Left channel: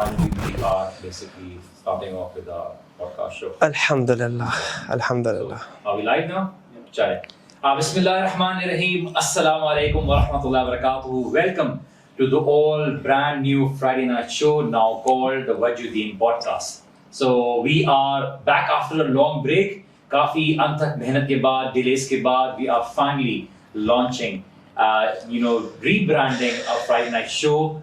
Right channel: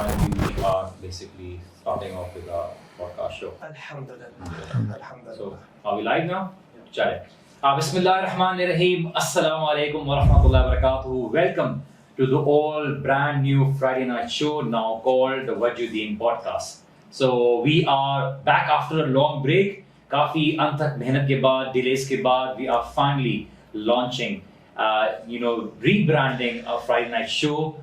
finally we are basically starting off with our podcast show. Alhamdulillah. Alhamdulillah. So, are we live now? Chale. Bismillahirrahmanirrahim. Assalamu alaikum wa rahmatullahi wa barakatuh. Welcome to the all brand new Friday night show now called the Wajuddin podcast. So we are back after a long break. Kafi anthak mehnat ke baad, delays ke baad, we are finally launching rebranding a Friday night show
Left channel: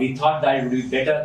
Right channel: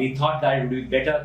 We thought that it would be better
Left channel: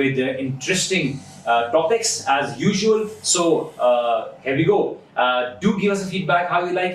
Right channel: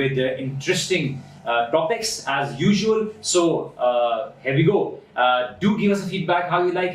with interesting topics as usual. So here we go. Do give us a feedback how you like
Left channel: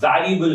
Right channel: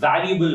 valuable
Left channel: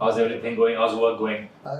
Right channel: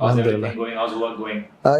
How's everything going? How's work going?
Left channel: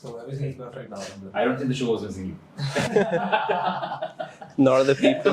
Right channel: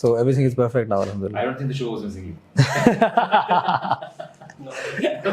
So everything is perfect now. Alhamdulillah. I don't think the show was missing you. Nor the people.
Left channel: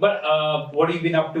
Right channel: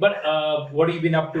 But what have you been up to?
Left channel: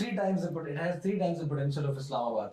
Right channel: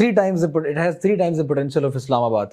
it has 3 times the potential of Islamabad.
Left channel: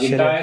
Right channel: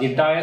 The entire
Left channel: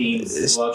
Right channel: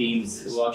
teams work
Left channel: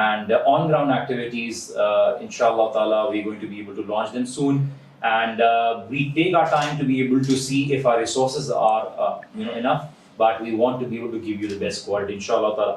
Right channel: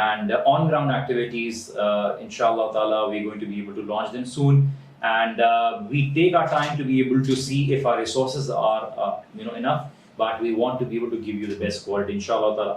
and on ground activities inshallah taala we are going to be able to launch them soon and we take our time to be able to see if our resources are enough, but we want to be able to give you the best quality inshallah taala.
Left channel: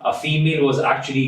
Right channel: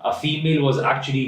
a female was actually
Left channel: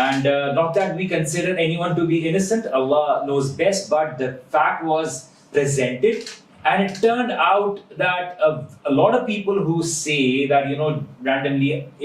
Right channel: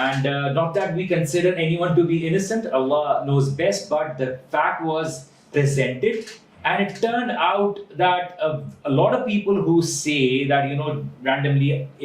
And not that we consider anyone to be innocent, Allah knows best, but the fact was presented and it turned out that a lot of people who say that randomly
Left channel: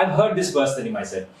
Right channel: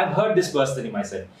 I've heard this personally myself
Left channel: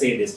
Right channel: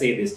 say this?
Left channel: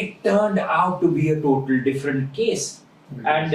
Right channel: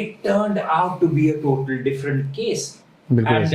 It turned out to be a total different case. And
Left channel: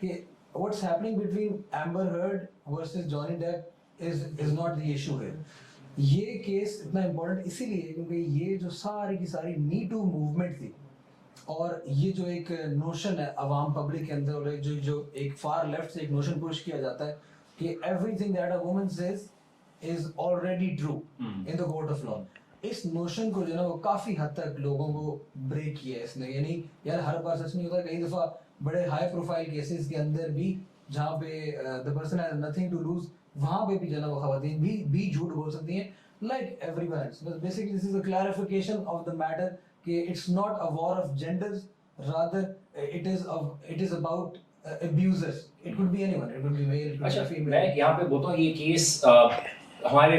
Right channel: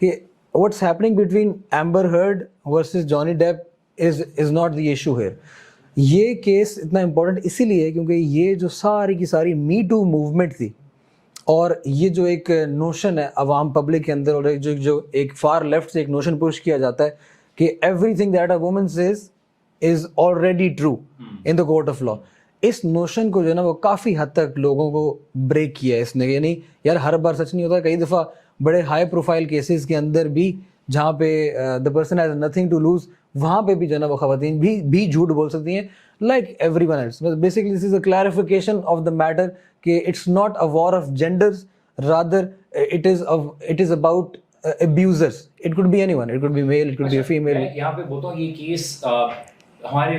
کہ what's happening between Amber Heard versus Johnny Depp is not the issue here. یہ case اتنا important اسی لیے ہے کیونکہ یہ جو ساری کی ساری می ٹو موومنٹ تھی اور یہ جو ایک نوشن ہے عوام پبلک کے اندر، اور جو ایک فار لیفٹ سے ایک نوشن پش کیا جاتا ہے کہ everything that a woman says is already true in the court of law, اس نوشن کو جو ہے نا وہ کافی حد تک لوگوں کو بریک کیا ہے اس نے. یعنی یار ہر بار سچ نہیں ہوتا، کئی دفعہ بڑے ہائی پروفائل کیسز کے اندر بھی جہاں پہ the person has nothing to lose, وہاں پہ بھی جو ہے نا وہ خواتین بھی جھوٹ بول سکتی ہیں like everyone else. Basically this is a clarification of the matter کہ it's not a war of genders, rather it is about abusers. It could be anyone, it could be male, it could be a female. میں یہاں پہ بولتا ہوں یہ case ہمارے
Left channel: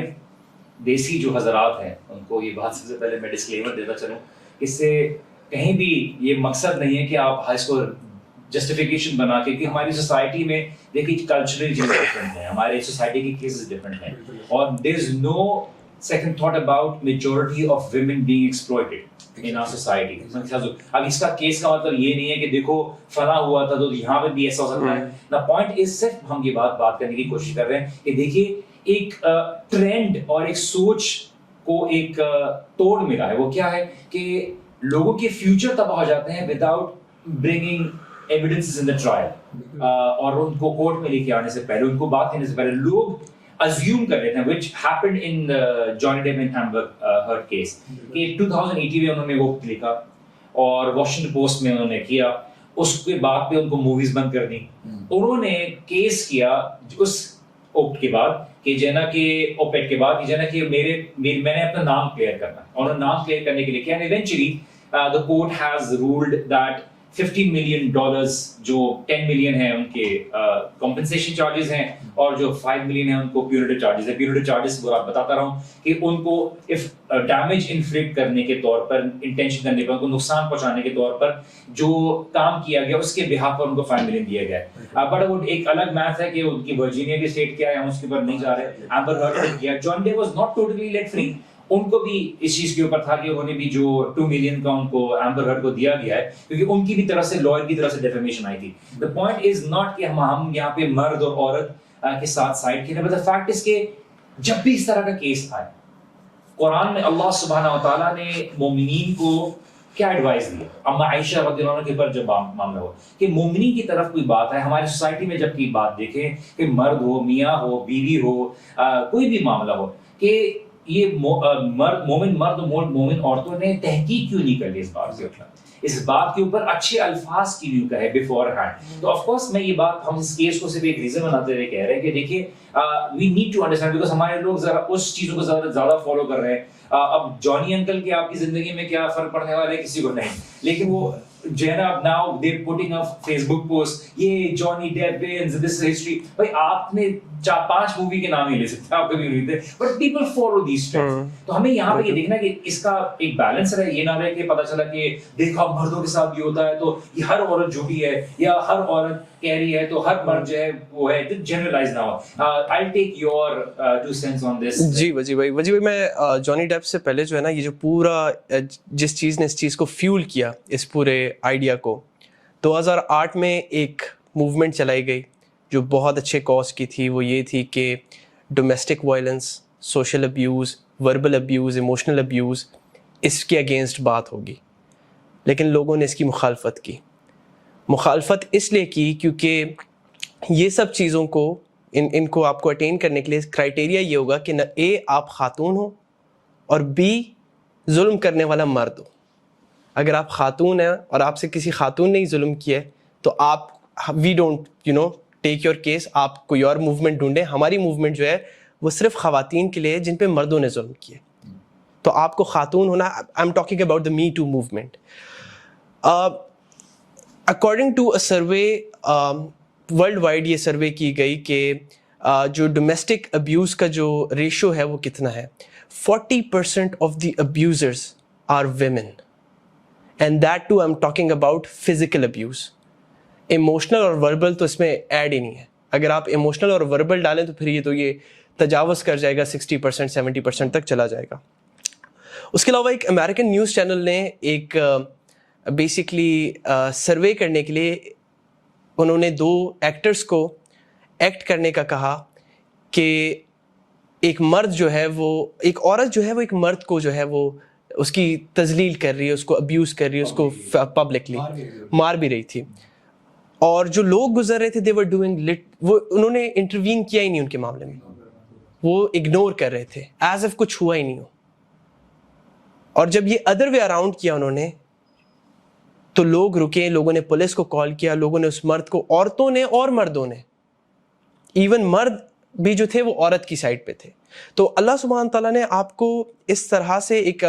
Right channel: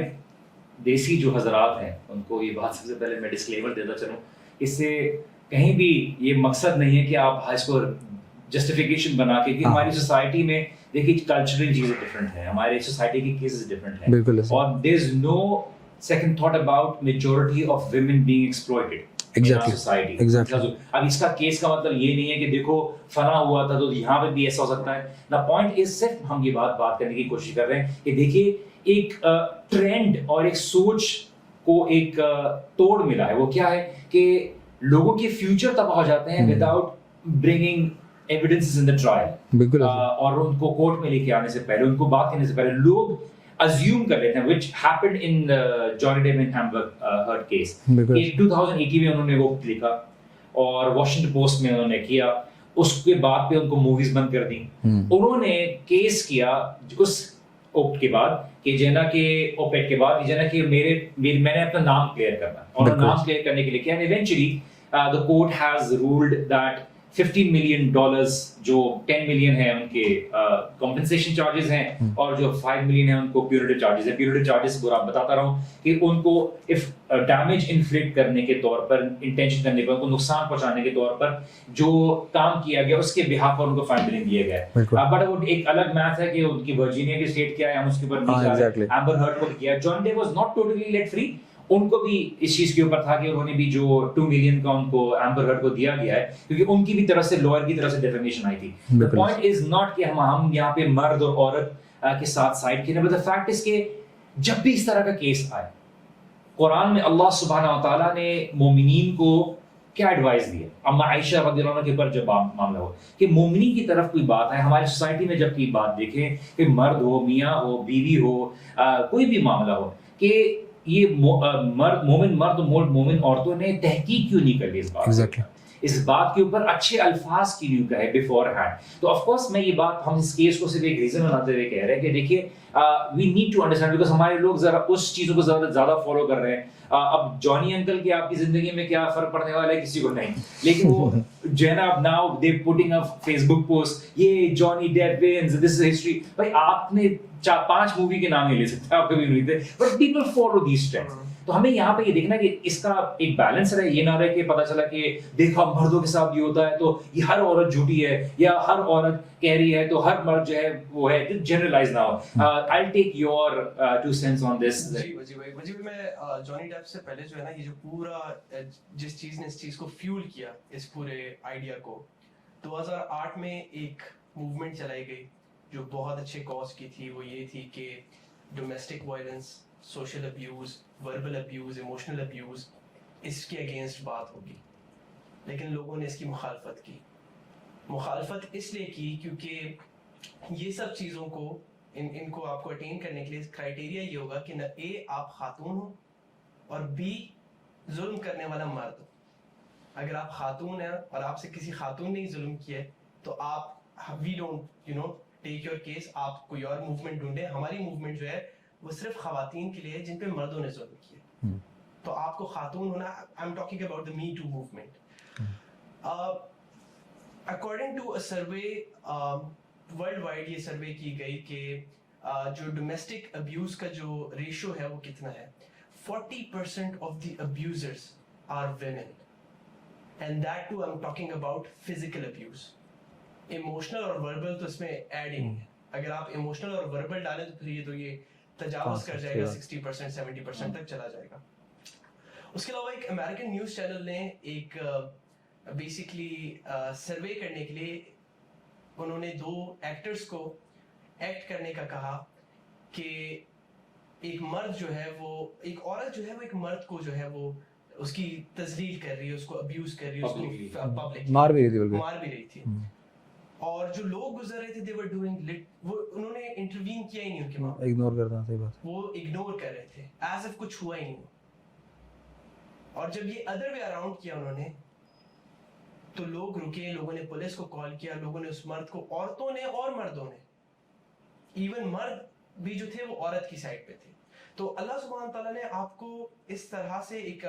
دیسی جو حضرات ہیں ان کو یہ بات سب سے پہلے میں ڈسکلیمر دیتا چلوں، اس سے کہیں بھی یہ مقصد نہیں ہے کہ آپ اس کو جسٹیفیکیشن بنا کے، کہ ہماری سوسائٹی میں دیکھیے کلچرل چیز ڈفرینٹ ہے، ہمارے سوسائٹی کی کیسز ڈفرینٹ ہیں، اور there is no second thought about majority of women being exploited society. اب اس کا کیس کا مطلب یہ نہیں ہے کہ دیکھو فلاں ہوا تھا تو یہاں پہ بھی ایسا ہو سکتا ہے. دا پوائنٹ از صرف ہم یہ بات کرنے کی کوشش کر رہے ہیں کہ دیکھیے ایک ٹرینڈ اور ایک سوچ کو ایک توڑ ملا ہے. وہ کیا ہے کہ لوگوں کے فیوچر تباہ ہو جاتے ہیں without bringing evidences in the trial, اور ان کو کورٹ میں لے کے آنے سے پہلے، ان کو بات کرنے سے پہلے لوگ assume کر لیتے ہیں which happened in the Johnny Depp and Amber Heard case. کہ 2018 میں انہوں نے وہ لکھا اور واشنگٹن پوسٹ میں انہوں نے کیا، اس کے بعد پہ ان کو موویز بند کر دی. انہوں نے کیس کیا اس اوپٹ کے بعد کہ جینا کہ اوپیٹ کے بعد جینا کہ میں نے اپنا نام کلیئر کرنا، اور نام کلیئر کرنے کے لیے کیا، eventually the court has ruled that $50 million جو 10 million ہیں ان کے کمپنسیشن چارجز ہیں، اور جو 5 million ہیں ان کو پیونیٹیو چارجز ہیں. پیونیٹیو چارجز کو آپ بتاتا رہا ہوں کہ ان کو ڈیمیج انفلکٹ کرنے کے طور پر، انٹینشن کرنے پر، ان کو نقصان پہنچانے کے طور پر جو کام کیا گیا اس کے بہاف پر ان کو 5 million دیا گیا ہے. بٹ وہ ایک الگ میتھ ہے کہ ان کی ورجینیا کی اسٹیٹ کیا ہے، ہم اس کے اوپر نہیں جا رہے. ایمبر ہرڈ نے کیا، Johnny Depp was not totally let free, ان کو بھی اس چیز کے اوپر تھا کہ انہوں نے بھی جو 2 million کا ان کو ایمبر ہرڈ کو دیا گیا ہے کیونکہ ان کی بھی طرف سے لائر کی طرف سے ڈیفیمیشن آئی تھی. the point is not کہ ہم یہاں پہ مرد اور عورت کے ساتھ سائڈ کھیلیں، but the fact is کہ جب بھی اس طرح کا کیس آئے، قرآن میں اللہ سبحانہ و تعالیٰ نے مومنین کو کیا ایڈوائز دی. اما عائشہ رضی اللہ عنہ کے اوپر جب معاملہ ہو کہ مومنین کی طرف کوئی بات ہے، ہماری سوسائٹی میں جب کی بات دیکھیں کہ مرد ہو، میاں ہو، بیوی ہو، کوئی بھی معاملہ ہو، کہ یہ مومن عورتوں نے تحقیق کیوں نہیں کر لی اس بات کے اوپر، اچھے الفاظ کی کیوں کہے بفور ہینڈ. تو آف کورس میں یہ بات، ہم اس کیس کو صرف ایک ریزن بناتے ہوئے کہہ رہے ہیں کہ دیکھیے we need to understand, because ہمارے لوگ ذرا اس چیزوں کو زیادہ فالو کر رہے ہیں. اب جانی انکل کے آپ کی زندگی میں کیا فرق پڑنے والا ہے کسی کو نہیں، لیکن وہ جو ہے نا اب now they putting up Facebook post, یہ Johnny Depp wins, this is history. بھائی آپ نے 4-5 مووی کے نام نہیں لے سکتے، آپ کبھی نہیں تھے، but people follow these trends. تو ہمیں یہاں پہ یہ دیکھنا کہ اس کا ایک بیلنس رہے، یہ نہ رہے کہ پتہ چلا کہ دیکھو مردوں کے ساتھ یہ ہوتا ہے تو یہ ہر عورت جھوٹی ہے، یا ہر عورت کہہ رہی ہے تو ہر مرد جو ہے وہ ہے، جنرلائز نہ ہو. I'll take your 2 cents on this. جی وجی بھائی میں جانی ڈیپ سے پہلے جو ہے نا یہ جو پورا جس چیز نے اس چیز کو فیول کیا، اس پورے آئیڈیا کو، 2008 میں ایک موومنٹ چلائی گئی جو بہت اچھے کاز کی تھی. وہ یہ تھی کہ domestic violence, social abuse, verbal abuse, emotional abuse, اس کے اگینسٹ بات ہوگی. لیکن لوگوں نے اس کی مخالفت کی. مخالفت اس لیے کی کیونکہ یہ سب چیزوں کو ان کو آپ کو اٹین کرنے کے لیے کرائٹیریا یہ ہوگا کہ نہ اے آپ خاتون ہو، اور بی ظلم کرنے والا مرد ہو. اگر آپ خاتون ہیں اور آپ سے کسی خاتون نے ہی ظلم کیا ہے تو آپ we don't take your case, آپ کوئی اور موومنٹ ڈھونڈیں. ہماری موومنٹ جو ہے وہ صرف خواتین کے لیے جن پہ مردوں نے ظلم کیا. تو آپ کو خاتون ہونا، I am talking about the me too movement. According to a survey worldwide, یہ سروے کی گئی کہ جو ڈومیسٹک ابیوز کا جو ریشو ہے وہ کتنا ہے. 40% of the abusers are women, and that too I am talking about physical abuse. Emotional اور وربل تو اس میں ایڈ ہی نہیں ہے. اگر آپ ایموشنل اور وربل ڈالیں تو پھر یہ تجاوز کر جائے گا، 60% 70% تک چلا جائے گا. اس کے علاوہ ایک امریکن نیوز چینل نے ایک بیسکلی سروے کرنے کے لیے انہوں نے 2 ایکٹرز کو ایکٹ کرنے کا کہا کہ ایک مرد جو ہے وہ ایک عورت جو ہے وہ ایک مرد کو جو ہے وہ اس کی تذلیل کر رہی ہے, اس کو ابیوز کر رہی ہے, اس کو پبلکلی مار بھی رہی تھی. اور جو لوگ گزر رہے تھے they were doing وہ انہوں نے انٹروین کیا ہی نہیں ان کے معاملے میں, وہ اگنور کر رہے تھے ایز اف کچھ ہوا ہی نہیں ہو. اور جب یہ ادر وے اراؤنڈ کیا انہوں نے تو لوگ رکے, لوگوں نے پولیس کو کال کیا, لوگوں نے اس مرد کو, عورتوں نے اور مردوں نے, ایون مرد بھی جو تھے وہ عورت کی سائڈ پہ تھے. تو اللہ سبحانہ تعالیٰ نے آپ کو اس طرح سے ایک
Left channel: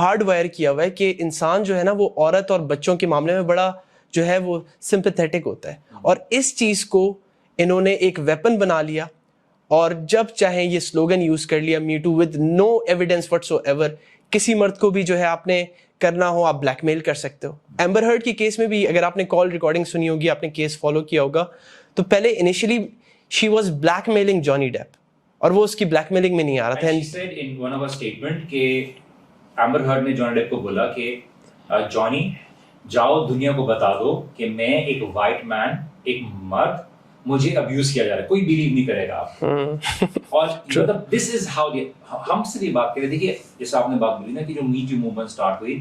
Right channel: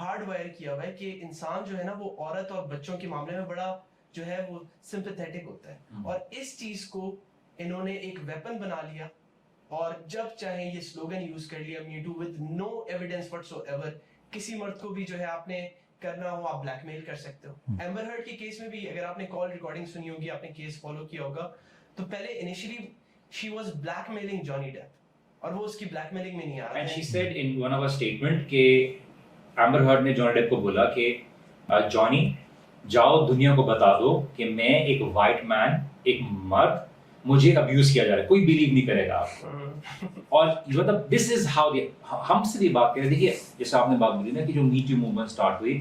ہارڈ وائر کیا ہوا ہے کہ انسان جو ہے نا وہ عورت اور بچوں کے معاملے میں بڑا جو ہے وہ سمپیتھیٹک ہوتا ہے, اور اس چیز کو انہوں نے ایک ویپن بنا لیا, اور جب چاہیں یہ سلوگن یوز کر لیا, me too with no evidence whatsoever. کسی مرد کو بھی جو ہے آپ نے کرنا ہو آپ بلیک میل کر سکتے ہو. ایمبر ہرڈ کی کیس میں بھی اگر آپ نے کال ریکارڈنگ سنی ہوگی, آپ نے کیس فالو کیا ہوگا, تو پہلے initially she was black mailing جانی ڈیپ, اور وہ اس کی بلیک میلنگ میں نہیں آ رہا تھا. She said in one of her statement کہ ایمبر ہرڈ نے جانی ڈیپ کو بولا کہ جانی جاؤ دنیا کو بتا دو کہ میں ایک وائٹ مین, ایک مرد, مجھے ابیوز کیا جا رہا ہے, کوئی بلیو نہیں کرے گا آپ. اور مطلب دس از ہاؤ ہم سے یہ بات کریں. دیکھیے جیسے آپ نے بات بولی نا کہ جو می ٹو موومنٹ اسٹارٹ ہوئی,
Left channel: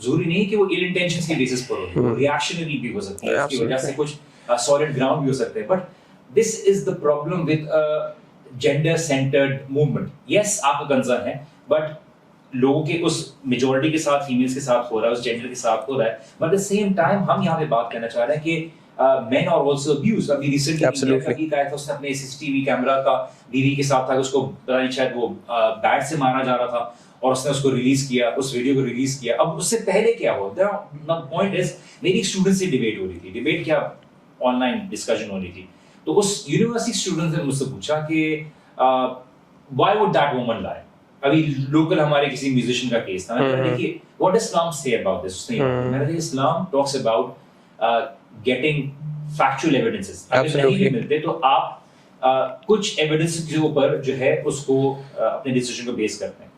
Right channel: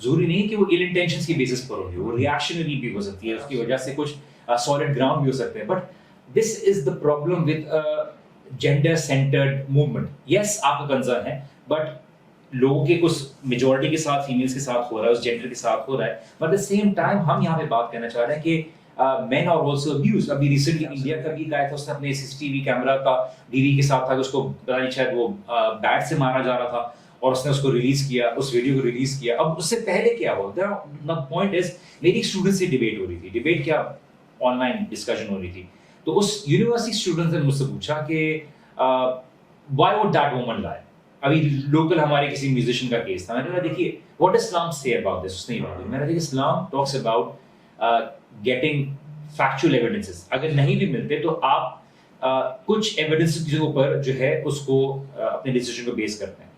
ضروری نہیں کہ وہ ایل انٹینشنس کی بیسس پر ہو, وہ ریئیکشنری بھی ہو سکتی ہے, اس کی وجہ سے کچھ سالڈ گراؤنڈ بھی ہو سکتے ہیں. But this is the problem with gender centred movement. Yes آپ کا کنسرن ہے, بٹ لوگوں کے اس میجورٹی کے ساتھ, فیمیلس کے ساتھ ہو رہا ہے, اس جینڈر کے ساتھ ہو رہا ہے. But at the same time ہم یہاں پہ بات کرنا چاہ رہے ہیں کہ مین اور آلسو ابیوز. ابھی ریسنٹلی گیا تھا, اس نے اپنے سی ٹی وی کیمرہ کا بیوی کے ساتھ تھا, اس کو پتہ نہیں شاید وہ بیٹ سے مارا جا رہا تھا, اور اس نے اس کو ریلیز کیا, اس ویڈیو کو ریلیز کیا. اب اس سے پہلے کیا ہو, دا پوائنٹ از میری ایک اسٹوڈنٹ سے ڈیبیٹ ہو رہی تھی. ڈیبیٹ کیا, آن لائن ڈسکشن ہو رہی تھی. تو اس یونیورسٹی اسٹوڈنٹ نے مجھ سے پوچھا کہ وائی وڈ دیٹ وومن لائی. ابھی لوکل ہمارے کسی میوزیشین کا کیس تھا. میں نے کہا دیکھیے واٹ ڈز اسلام سے اباؤٹ دس. اس نے میں نے کہا Islam talks about getting factual evidences. اگر نہیں بھی ملتے تو آپ کچھ ایویڈنس کے اوپر جو ہے اس کو اپنے ڈیسیژن کو بیس کرتے ہیں.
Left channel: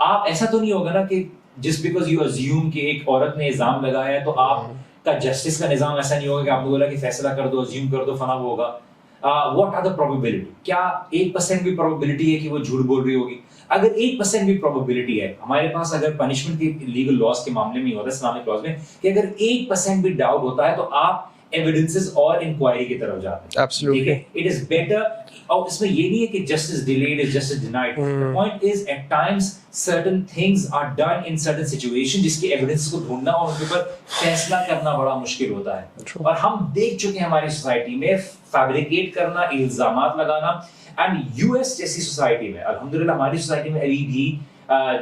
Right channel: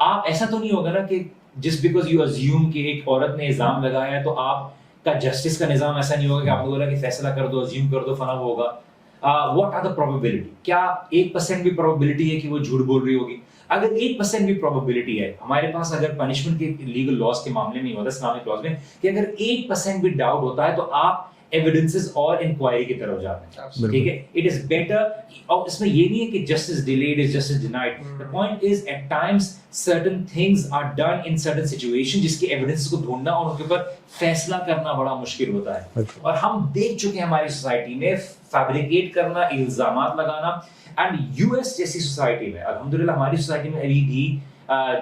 آپ ایسا تو نہیں ہوگا نا کہ جسٹ بیکاز یو ازیوم کہ ایک عورت نے الزام لگایا ہے تو آپ کا جسٹس کا نظام ایسا نہیں ہوگا کہ آپ کو بولا کہ فیصلہ کر دو, ازیوم کر دو, فلاں ہوگا. واٹ آر دا پروبیبلٹی, کیا 1% بھی پروبیبلٹی ہے کہ وہ جھوٹ بول رہی ہوگی؟ اگر 1% بھی پروبیبلٹی ہے ہمارے پاس, اگر پنشمنٹ کے لیگل لاس کے معاملے میں ہوتا ہے, اسلامک لاس میں, کہ اگر 1% بھی ڈاؤٹ ہوتا ہے تو آپ ایویڈنسز اور انکوائری کی طرف جاتے ہیں. ٹھیک ہے, اٹ از بیٹر. اور اس میں یہ نہیں ہے کہ justice delayed is justice denied. the point is at times certain things are done in certain situation جس کی ایویڈنس کو ڈھونڈنا اور ان کے اوپر فیصلہ کرنا بڑا مشکل ہوتا ہے. اور ہم دیکھ چکے ہیں ہماری سوسائٹی میں فیبریکیٹ کرنا, الزامات لگانا. اینڈ یو ایس جیسی سوسائٹی میں الحمدللہ ہماری سوسائٹی میں ابھی بھی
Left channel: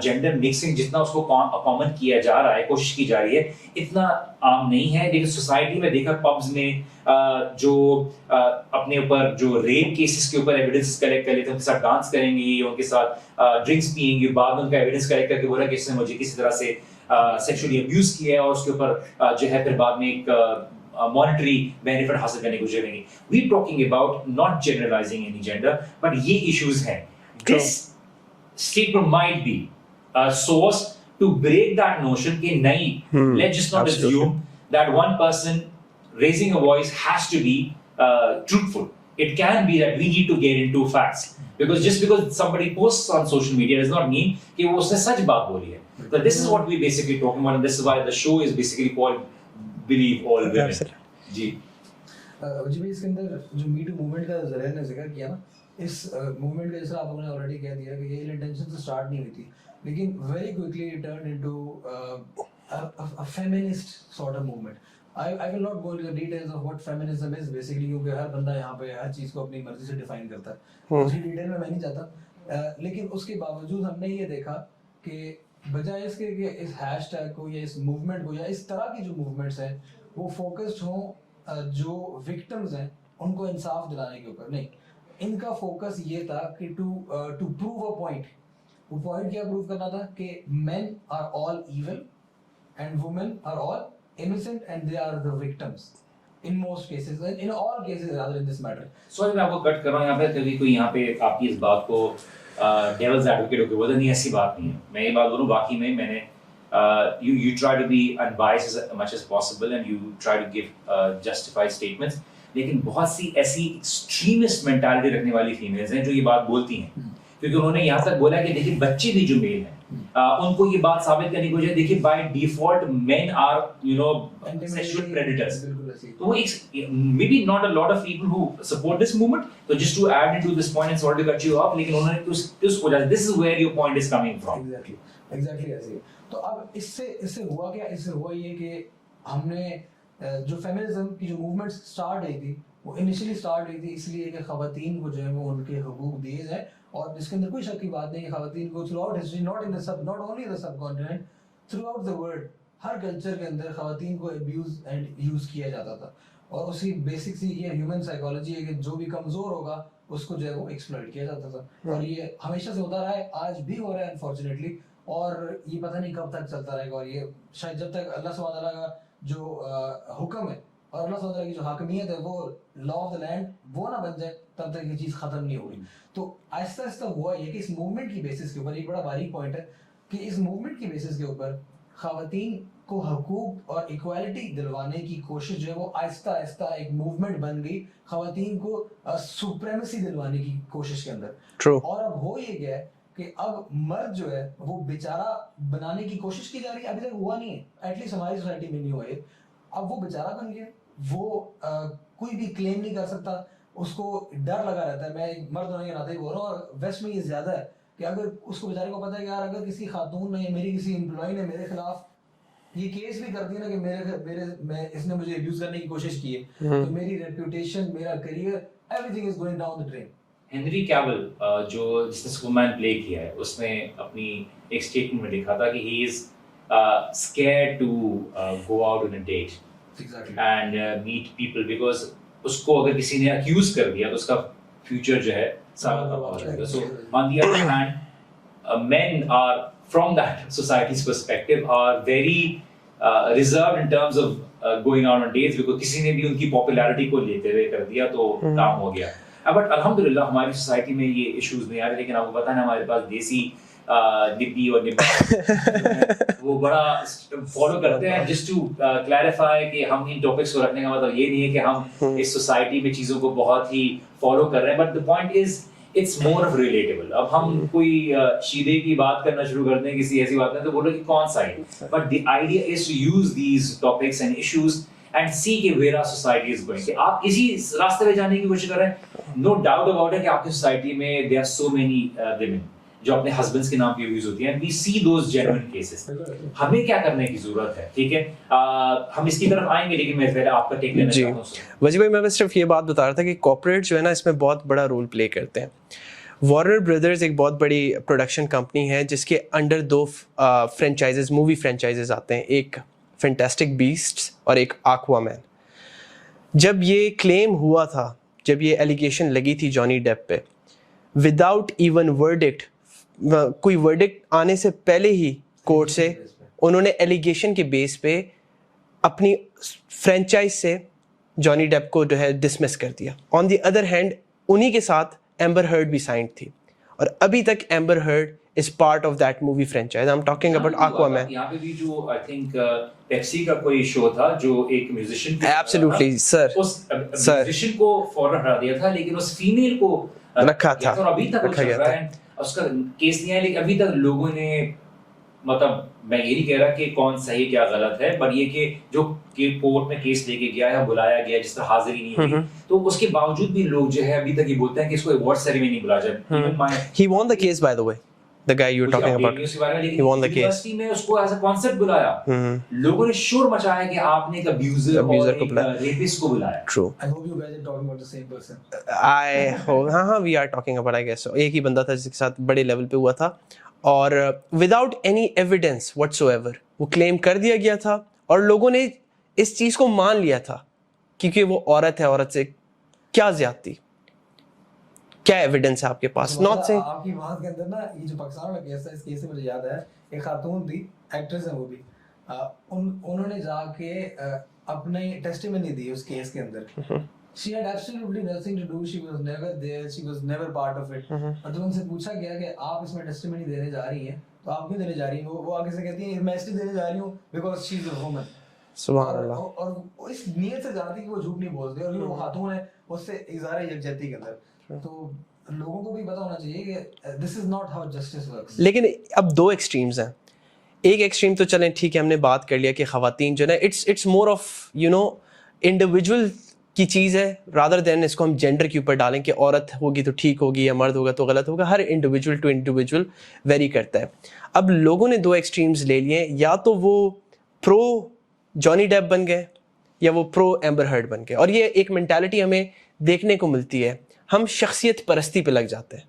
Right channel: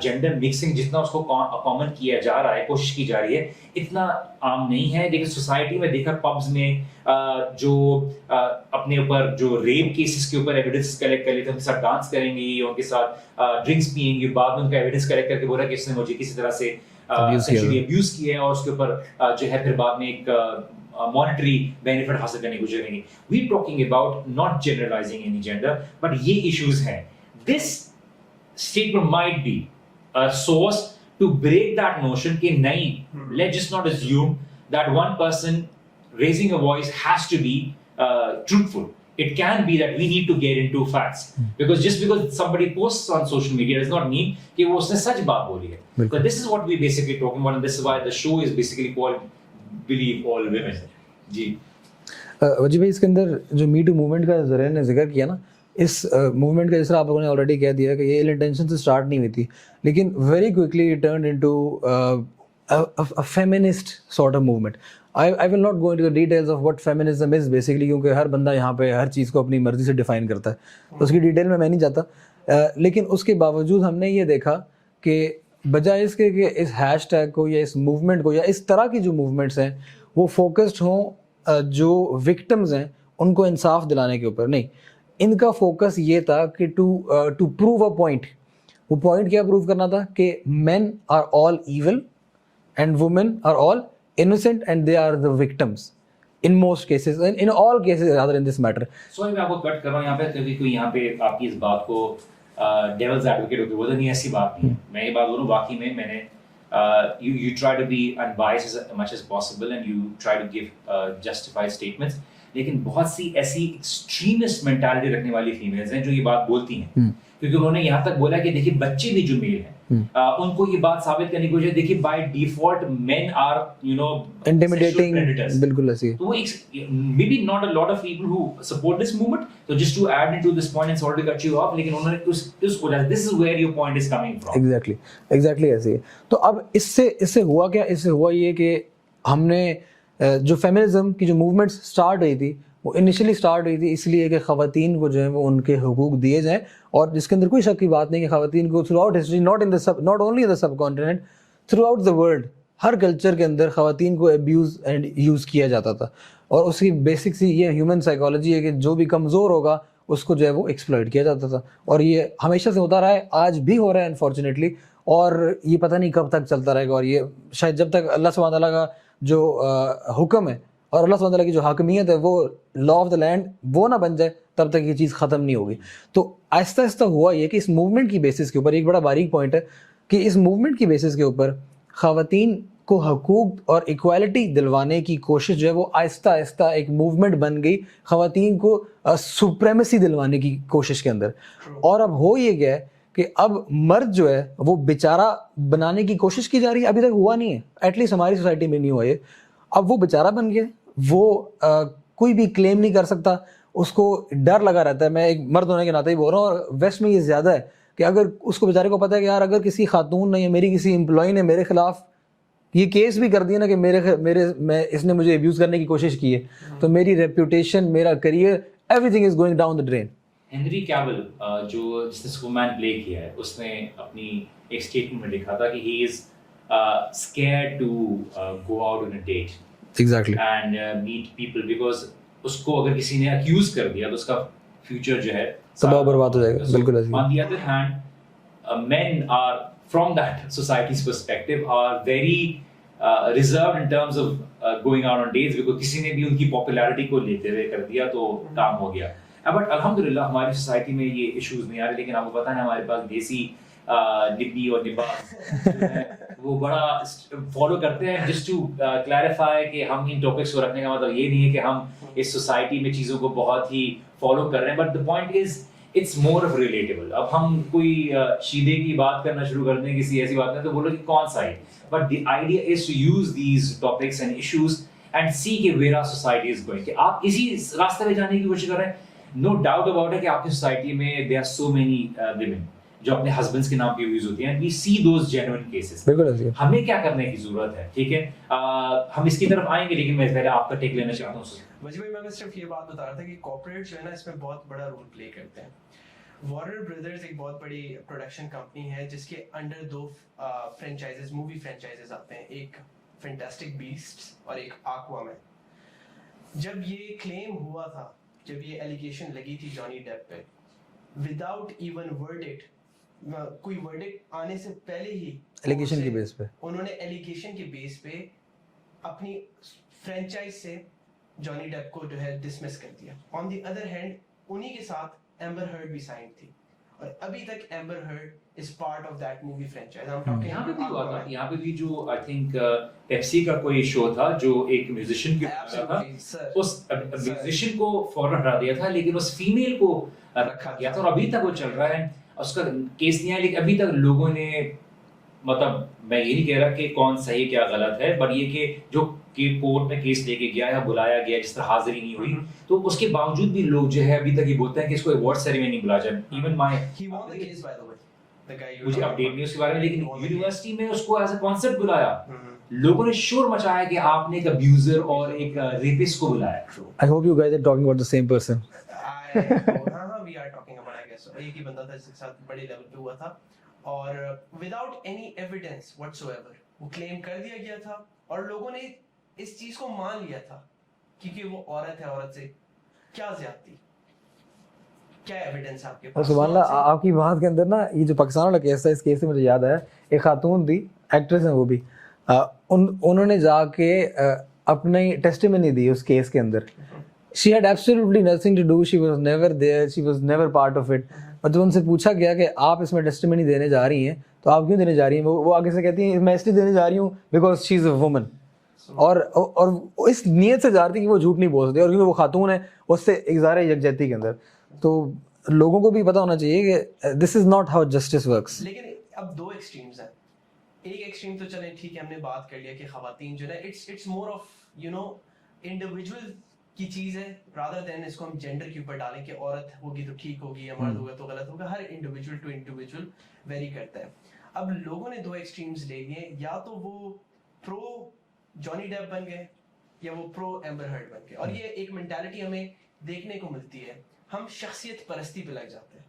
جینڈر مکسنگ جتنا اس کو کامن کیا جا رہا ہے, کوشش کی جا رہی ہے, اتنا عام نہیں ہے. لیکن سوسائٹی میں دیکھا پبز میں جو اپنے اوپر جو ریپ کیسز کے اوپر ایویڈنس کلیکٹ کر لیتے ہیں, ان کے ساتھ ڈانس کریں گی, ان کے ساتھ ڈرنکس پئیں گی, بعد میں ان کا ایویڈنس کلیکٹ کر کے بولا کہ اس نے مجھے کسی طرح سے سیکشولی ابیوز کیا ہے, اور اس کے اوپر جو ہے پھر بعد میں ایک مانیٹری بینیفٹ حاصل کرنے کو چاہیں گے. We talking about not generalising any gender, but یہ ایشوز ہیں. This statement might be a source to break that notion کہ نہیں, let's just not assume that one person raising a voice has to be truthful. It can be that we need to get into facts, because just because somebody posts on social media does not mean کہ وہ اس نے سچ بات بولی ہے. So this is what we basically talking about, and this is why the show is basically called Believe All Women. جی وجی بھائی, اس کے اندر جو می too movement کا ذرا نے ذکر کیا نا, اس موومنٹ کا جس طرح آپ لوگوں نے آلریڈی کہہ دیا کہ یہ ایل انٹینشن سے اسٹارٹ نہیں ہوئی تھی, لیکن very quickly it turned into feminist sort of movement. I will not go into the details of what feminism is basically, کیونکہ ہر بندہ یہاں پہ ہر چیز کو اپنی مرضی سے ڈیفائن کرتا ہے, اس کی ڈیٹیل میں نہیں جاتا. لیکن اس کے باوجود ہم نے یہ دیکھا کہ بجائے اس کے کہ اس ہیش ٹیگ کو یا اس موومنٹ کو یا اس طرح کی جو موومنٹس ہیں وہ فوکسڈ ہوں جو وکٹمز ہیں ان کو انصاف دلانے کے اوپر, نہیں, ان کا فوکس یہ تھا کہ ٹو پروو اے پوائنٹ. وہ پوائنٹ کیا پروو کرنا تھا کہ men are all evil and women are all innocent and they are the victims in most cases, and in all cases rather in this matter. So میں آپ کو کٹ کر رہا ہوں یہاں پہ, کوئی یہاں پہ آپ کی اس بات کو ڈیولز ایڈوکیٹ ہو کے بولے نہیں, ایسی بات نہیں ہے. میں یہ بات بولوں, واقعی میں نے you try to be unbiased as much as possible and you try to give justified statements. لیکن بہت سی ایسی ایکسٹریمسٹ مینٹالٹی رکھنے والی فیمیلز ہیں جو یہ بات بولتی ہیں, کیونکہ انہوں نے یہاں تک بولا کہ دیکھیے بچے بھی جو میل ہیں ان کو یہ بات ثابت کرنے کی کوشش, دیکھیے by default men are you know intimidating, بالکل ایسی ہے. تو may be not a lot of people who support this movement, تو just to add into this point and sort to cut you off, لیکن انہوں نے اس وجہ this is where your point is coming from. Exactly ایسے ہی. تو اب اس سے ہوا کیا, اس سے ہوا یہ کہ ہم نے جو فیمنزم کی جو موومنٹ اسٹارٹ ہوئی تھی وہ انیشلی اسٹارٹ ہوئی تھی اس لیے کہ خواتین کو جو ہے وہ ان کے حقوق دیے جائیں, اور جس کے اندر کوئی شک کی بات نہیں کہ خواتین کو through out history, not only in the sub continent, through out the world Hare culture کے اندر خواتین کو ابیوز اینڈ یوز کیا جاتا تھا. اور اس کی بیسک سی یہ ہیومن سائیکالوجی ہے کہ جو بھی کمزور ہوگا اس کو جو ہے وہ ایکسپلائٹ کیا جاتا تھا, اور یہ ہمیشہ سے ہوتا رہا ہے, آج بھی ہو رہا ہے انفارچونیٹلی, اور یہ پتہ نہیں کب تک چلتا رہے گا. اور یہ شاید جب تک اللہ سبحانہ تعالیٰ کا جو حکم ہے اور اللہ سبحانہ تعالیٰ کی جو حاکمیت ہے وہ لا آف دا لینڈ وہ نہ بن جائے تب تک یہ چیز ختم نہیں ہوگی. تو آہستہ آہستہ ہوا یہ کہ اس موومنٹ کی بیسس کے اوپر ایک بڑا باریک پوائنٹ ہے کہ اس موومنٹ کی بیسس کے اوپر خواتین کو حقوق اور ایکوالٹی دلوانے کی کوشش جو ہے وہ آہستہ آہستہ ایک موومنٹ بن گئی خواتین کو سپریمیسی دلوانے کی کوشش کے اندر. اور اب ہو یہ گیا ہے کہ اب مرد جو ہے وہ بیچارہ بنانے کی کوشش کی جا رہی ہے, ابھی تک ہوا نہیں ہے, ایٹ لیسٹ ہماری سوسائٹی میں نہیں ہوا یہ. اب وہ بیچارہ بن گیا, وہ کوئی بھی کلیم نہیں کر سکتا, اس کو ڈر لگا رہتا ہے. میں ایک مرد ہونے کے ناطے ہی بول رہا ہوں, اور ویسٹ میں یہ زیادہ ہے کہ اگر اس کو بیچارے کو پتہ ہے کہ یار اگر کسی خاتون نے یا میری کسی امپلائی نے میرے خلاف یہ کیس بھی کر دیا نا کہ اس نے مجھے ابیوز کرنے کی کوشش کی ہے, تو میری ریپوٹیشن, میرا career, everything is going down the drain. Henry Cavill جو جس نے سپرمین پلے کیا ہے, اس نے اپنی ایک اسٹیٹمنٹ میں لکھا تھا کہ he is scared to go out on a date and meet people, because اس کو اگر کسی نے اکیوز کر دیا تو اس کا فیوچر جو ہے تباہ برباد ہو جائے گا. بالکل. On the other hand men are from that societies perspective are very reserve in terms of going out on dates, because کسی نے بھی ان کی پاپولیرٹی کو لیتے ہوئے کر دیا تو کام ہو گیا. بٹ الحمدللہ ہماری سوسائٹی میں یہ ایشوز نہیں آ رہے, لیکن آپ کو پتہ ہے ہمارے پاس دیسی ڈبی اور وہ بڑا فالو کرتے ہیں. جسٹ ٹو کلیریفائی کہ ہم ان ٹاپکس کو رکھنے کا مطلب یہ نہیں ہے کہ ہم اس سوسائٹی میں چیزوں کو بہت ہی فالو کر رہے ہیں, but the point is it's more of relatable. اب ہم کوئی شیدے کی بات کرنا شروع کر دیں, کسی ایسی بات کریں تو بولو کہ کون side, but the idea is to use these topics and issues and see کہ where our society is going, کہ آپ اسی راستے پہ جانے کی کوشش کر رہے ہیں. نو ڈاؤٹ اباؤٹ ہے کہ آپ کی سوسائٹی میں there are so many women جو اپنے ہسبینڈس کے نام پہ یوز ہوتی ہیں, we see those genuine cases. ہمیں کیا کرنے کی ضرورت ہے, ٹھیک ہے, ہم اس کی طرف آئیں گے, لیکن میں پہلے آپ کا ٹیک لینا چاہتا ہوں. وجی بھائی, میں صرف یہ بات بتا رہا تھا کہ کارپوریٹ جو ہے نا اس میں بہت بڑا رول پلے کرتے ہیں. وارنر بردرز ایک بہت بڑی پروڈکشن کمپنی ہے جس کے انڈر 2 فرینچائزز, مووی فرینچائزز آتے ہیں, ایک فینٹاسٹک بیسٹس اور ایک آکوا مین. جب یہ کلیم ہوا تھا, جب یہ ایلیگیشن لگی تھی جانی ڈیپ پہ, وداؤٹ ایون ورڈکٹ, کوئی ورڈکٹ آنے سے پہلے ہی کورٹ سے انہوں نے ایلیگیشن کے بیس پہ اپنی فرینچائز سے جانی ڈیپ کو جو ہے ڈسمس کر دیا. آن دی ادر ہینڈ انہی کے ساتھ ایمبر ہرڈ بھی سائنڈ تھی, اور ابھی تک ایمبر heard is part of that movie franchise. I'm talking about Aquaman. یہاں پہ بھی جو I think پیپسی کا کوئی شو تھا جو ایک میوزیشین, absolutely sir, اس میوزیشین کو فورن ہٹا دیا تھا, لیکن اس فیمیل کو رکھا تھا, اور ابھی تک وہ چل رہا ہے. اس کا کیس نہیں آیا, لیکن ابھی تک لوگوں نے, مطلب میں یہ نہیں کہہ رہا کہ کون صحیح کیا غلط ہے, بٹ یہ کہ جو کورٹ میں کیس لے کے گیا ہے, بلایا گیا, جس طرح حاضری نہیں ہوئی, تو اس کے باوجود بھی لوگ جو ہے ابھی تک یہ بولتے ہیں کہ اس کو ایوارڈ سیریمنی بلا جائے. he won the case by the way, the guy you're talking about, he won the case. University میں اس کو ایز اے کانسیپٹ بلایا, لوگوں نے شور مچایا کہ آپ نے ایک ابیوزر اور ایک ریپسٹ کو بلایا. True. I hope you guys are talking about the same person. ہاں we are talking about, I guess, ایک ہی بندہ تھا جس کے ساتھ بڑے لیول پہ ہوا تھا, اور without any evidence what's ever وہ کلیم کر دیا گیا تھا, اور لوگوں نے اس چیز کو مان لیا تھا کیونکہ وہ عورت ہے, عورت سے کیا زیادتی, کیا ایویڈنس ہے آپ کے پاس. آپ کی بات کے اندر نا یہ جو پاکستان والا کیس تھا, اس کیس سے مجھے یاد آیا, ایک خاتون تھی, ایکٹریس ہیں وہ بھی, انہوں نے جا کے اپنی ٹیسٹیمنی دی اس کیس کے اندر. she had absolutely nothing to do, she was never there, she was never part of it. اور جب ان سے پوچھا گیا کہ آپ اس میں ٹیسٹیمنی دینے جا رہی ہیں تو آپ کیوں دینے جا رہی ہیں, وہ آگے سے کہتی ہیں میں اس لیے دینے جا رہی ہوں because she is a woman. اور اس نیت سے جا رہی تھی کہ وہ جھوٹ نہیں بول سکتی, اور کیونکہ وہ خاتون ہے اس سے اظہار یکجہتی کے اندر. تو لوگوں کو بھی پتہ ہونا چاہیے کہ this is not how justice works. لیکن اب دو ایکسٹریمز ہیں. ایک ایکسٹریم تو چلیں ٹھیک ہے, ہم نے بات کر لیا کہ خواتین جو ہے اٹس مور آف انڈیویجول کی چیز ہے رادر دین اس کو ہم جینڈر کے اوپر ڈالیں کہ عورت ہوگی تو ٹھیک ہوگی یا مرد ہوگا تو غلط ہوگا. ہر انڈیویجول ٹو انڈیویجول ویری کرتا ہے. اب لوگوں نے دو ایکسٹریمز لے لیے, یا تو وہ پرو جانی ڈیپ بن گئے یا وہ پرو ایمبر ہرڈ بن گئے. اور یہ ایک مینٹالٹی ہمیں دیکھنے کو ملتی ہے, ہم شخصیت پرستی پہ لگ جاتے ہیں.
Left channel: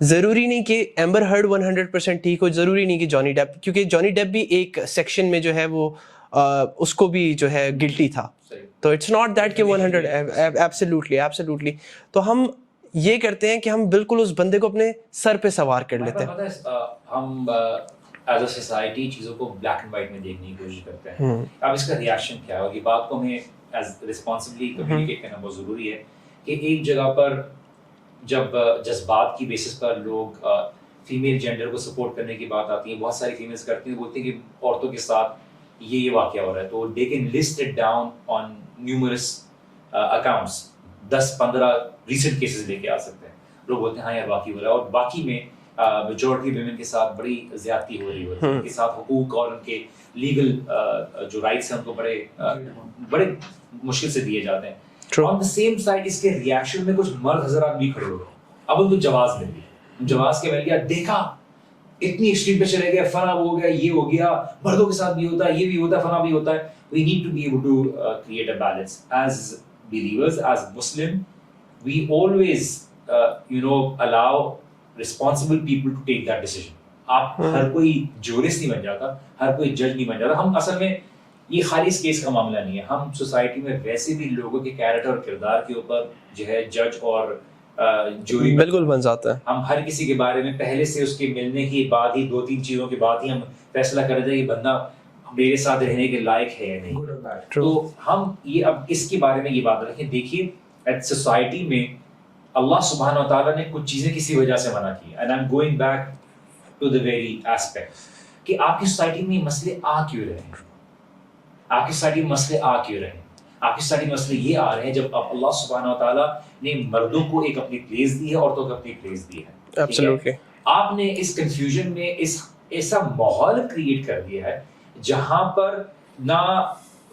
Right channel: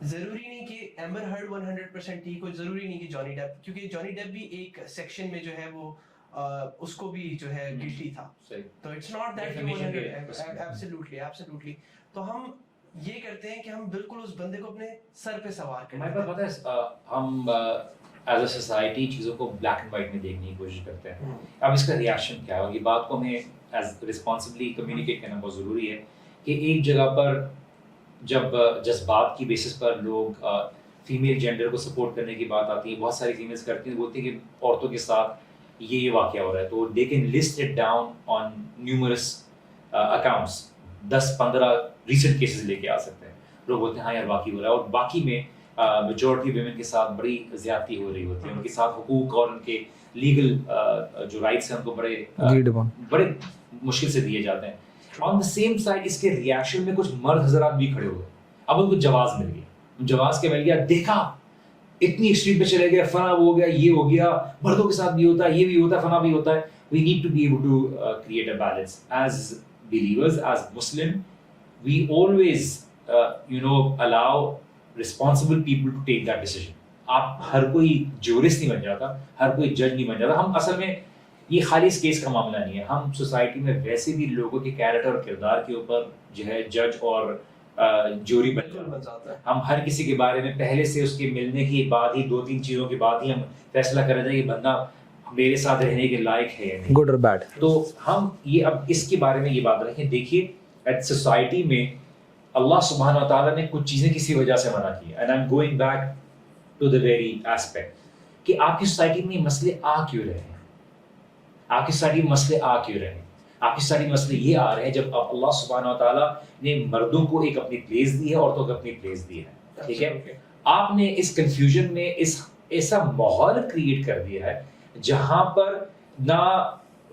ضروری نہیں کہ ایمبر ہرڈ 100% ٹھیک ہو, ضروری نہیں کہ جانی ڈیپ, کیونکہ جانی ڈیپ بھی ایک سیکشن میں جو ہے وہ اس کو بھی جو ہے گلٹی تھا. تو اٹس ناٹ دیٹ کہ 100 ایبسلیوٹلی. تو ہم یہ کرتے ہیں کہ ہم بالکل اس بندے کو اپنے سر پہ سوار کر لیتے ہیں. ہم ایز اے سوسائٹی چیزوں کو بلیک اینڈ وائٹ میں دیکھنے کی کوشش کرتے ہیں. اب اس کا ریئیکشن کیا ہے, اور یہ بات کو ہمیں ایز رسپانسبلی کمیونیکیٹ کرنا بہت ضروری ہے کہ ایک جگہ پر جب جذبات کی بیسس پر لوگ فیمیل جینڈر کو سپورٹ کرنے کی بات آتی ہے, بہت ساری فیمیلز کرتی ہیں, بولتی ہیں کہ عورتوں کے ساتھ یہ واقعہ ہو رہا ہے, تو they can list it down on numerous accounts, 10-15 recent cases لے کے آ سکتے ہیں. لوگ بولتے ہیں ہاں یار واقعی ہو رہا ہے, اور باقی میں میجورٹی ویمن کے ساتھ بڑی زیادتی ہو رہی ہوتی ہے, ان کے ساتھ حقوق اور ان کے لیگل جو رائٹس ہیں ان کو بڑے مشکل سے دیے جاتے ہیں. آن دا سیم سائڈ اس کے ریئیکشن میں کچھ مرد حضرات بھی کھڑے ہوئے, اب ان کو جواز مل گئی, جواز کے مل گیا, دیکھا اتنی ایکسٹریم پہ چلے گئے, فلاں وہ ہو گیا, یہ ہو گیا, مردوں کے ساتھ بھی ہوتا ہے, یہ بھی ہوتا ہے, فلاں بھی ہوتا ہے. We need to be able to create a balance. As believers, as Muslim, we always allow responsible people to take that decision. آپ ہر کوئی جورسٹ نہیں بن جاتا, ہر کوئی جج نہیں بن جاتا. ہم اصل میں یہ خالی اس کیس کا معاملہ نہیں ہے, ہم سوسائٹی میں ویسے بھی لوگوں کے کیریکٹر اور کردار کے اوپر جو ہے جج اور جوری بالکل بن جاتا ہے. ہم ہر کسی کے بارے میں پہلے سے اس کے ملنے کی بعد ہی 2-3 چیزوں کے بعد ہی ہم فیصلہ کر رہے ہیں کہ بندہ میرے ساتھ رہنے کے لائق ہے یا نہیں, گڈ اور بیڈ. تو ہم یہ اب اس کے بارے میں یہ بات رکھیں. دیکھیے سوسائٹی میں اللہ سبحانہ و تعالیٰ نے کچھ چیزیں کسی وجہ سے منع کی, and I am going back to the very aspect کہ آپ کی سوسائٹی میں مسئلے آ کیوں رہے ہیں, آپ کی سوسائٹی میں مسئلے آ کیوں رہے ہیں. آپ کی سوسائٹی میں مسئلے یہ آ رہے ہیں جب اللہ سبحانہ و تعالیٰ نے مردوں کو ایک اپنی پلیس دی ہے, عورتوں کو اپنی پلیس دی ہے. آپ نے اس کنفیوژن میں ایسا ماحول کریٹ کر دیا ہے جہاں پر نہ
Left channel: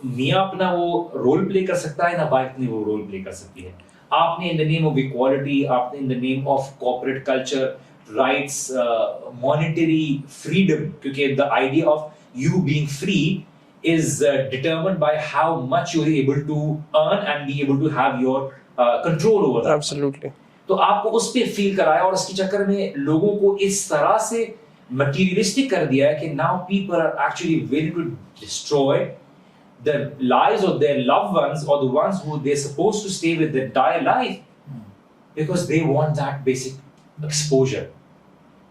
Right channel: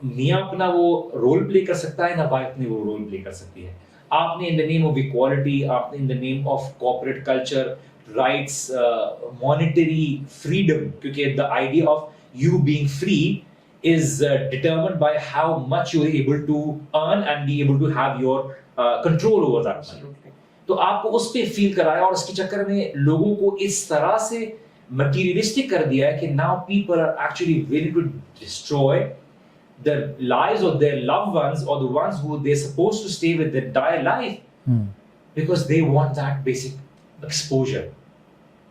میاں اپنا وہ رول پلے کر سکتا ہے, نہ وائف اپنی وہ رول پلے کر سکتی ہے. آپ نے in the name of equality, آپ نے in the name of corporate culture, rights, monetary freedom, کیونکہ the idea of you being free is determined by how much you are able to earn and be able to have your control over that. Absolutely. تو آپ کو اس پہ فیل کرایا, اور اس کے چکر میں لوگوں کو اس طرح سے materialistic کر دیا ہے کہ now people are actually willing to destroy the lives of their loved ones or the ones who they're supposed to stay with their entire life because they want that basic exposure.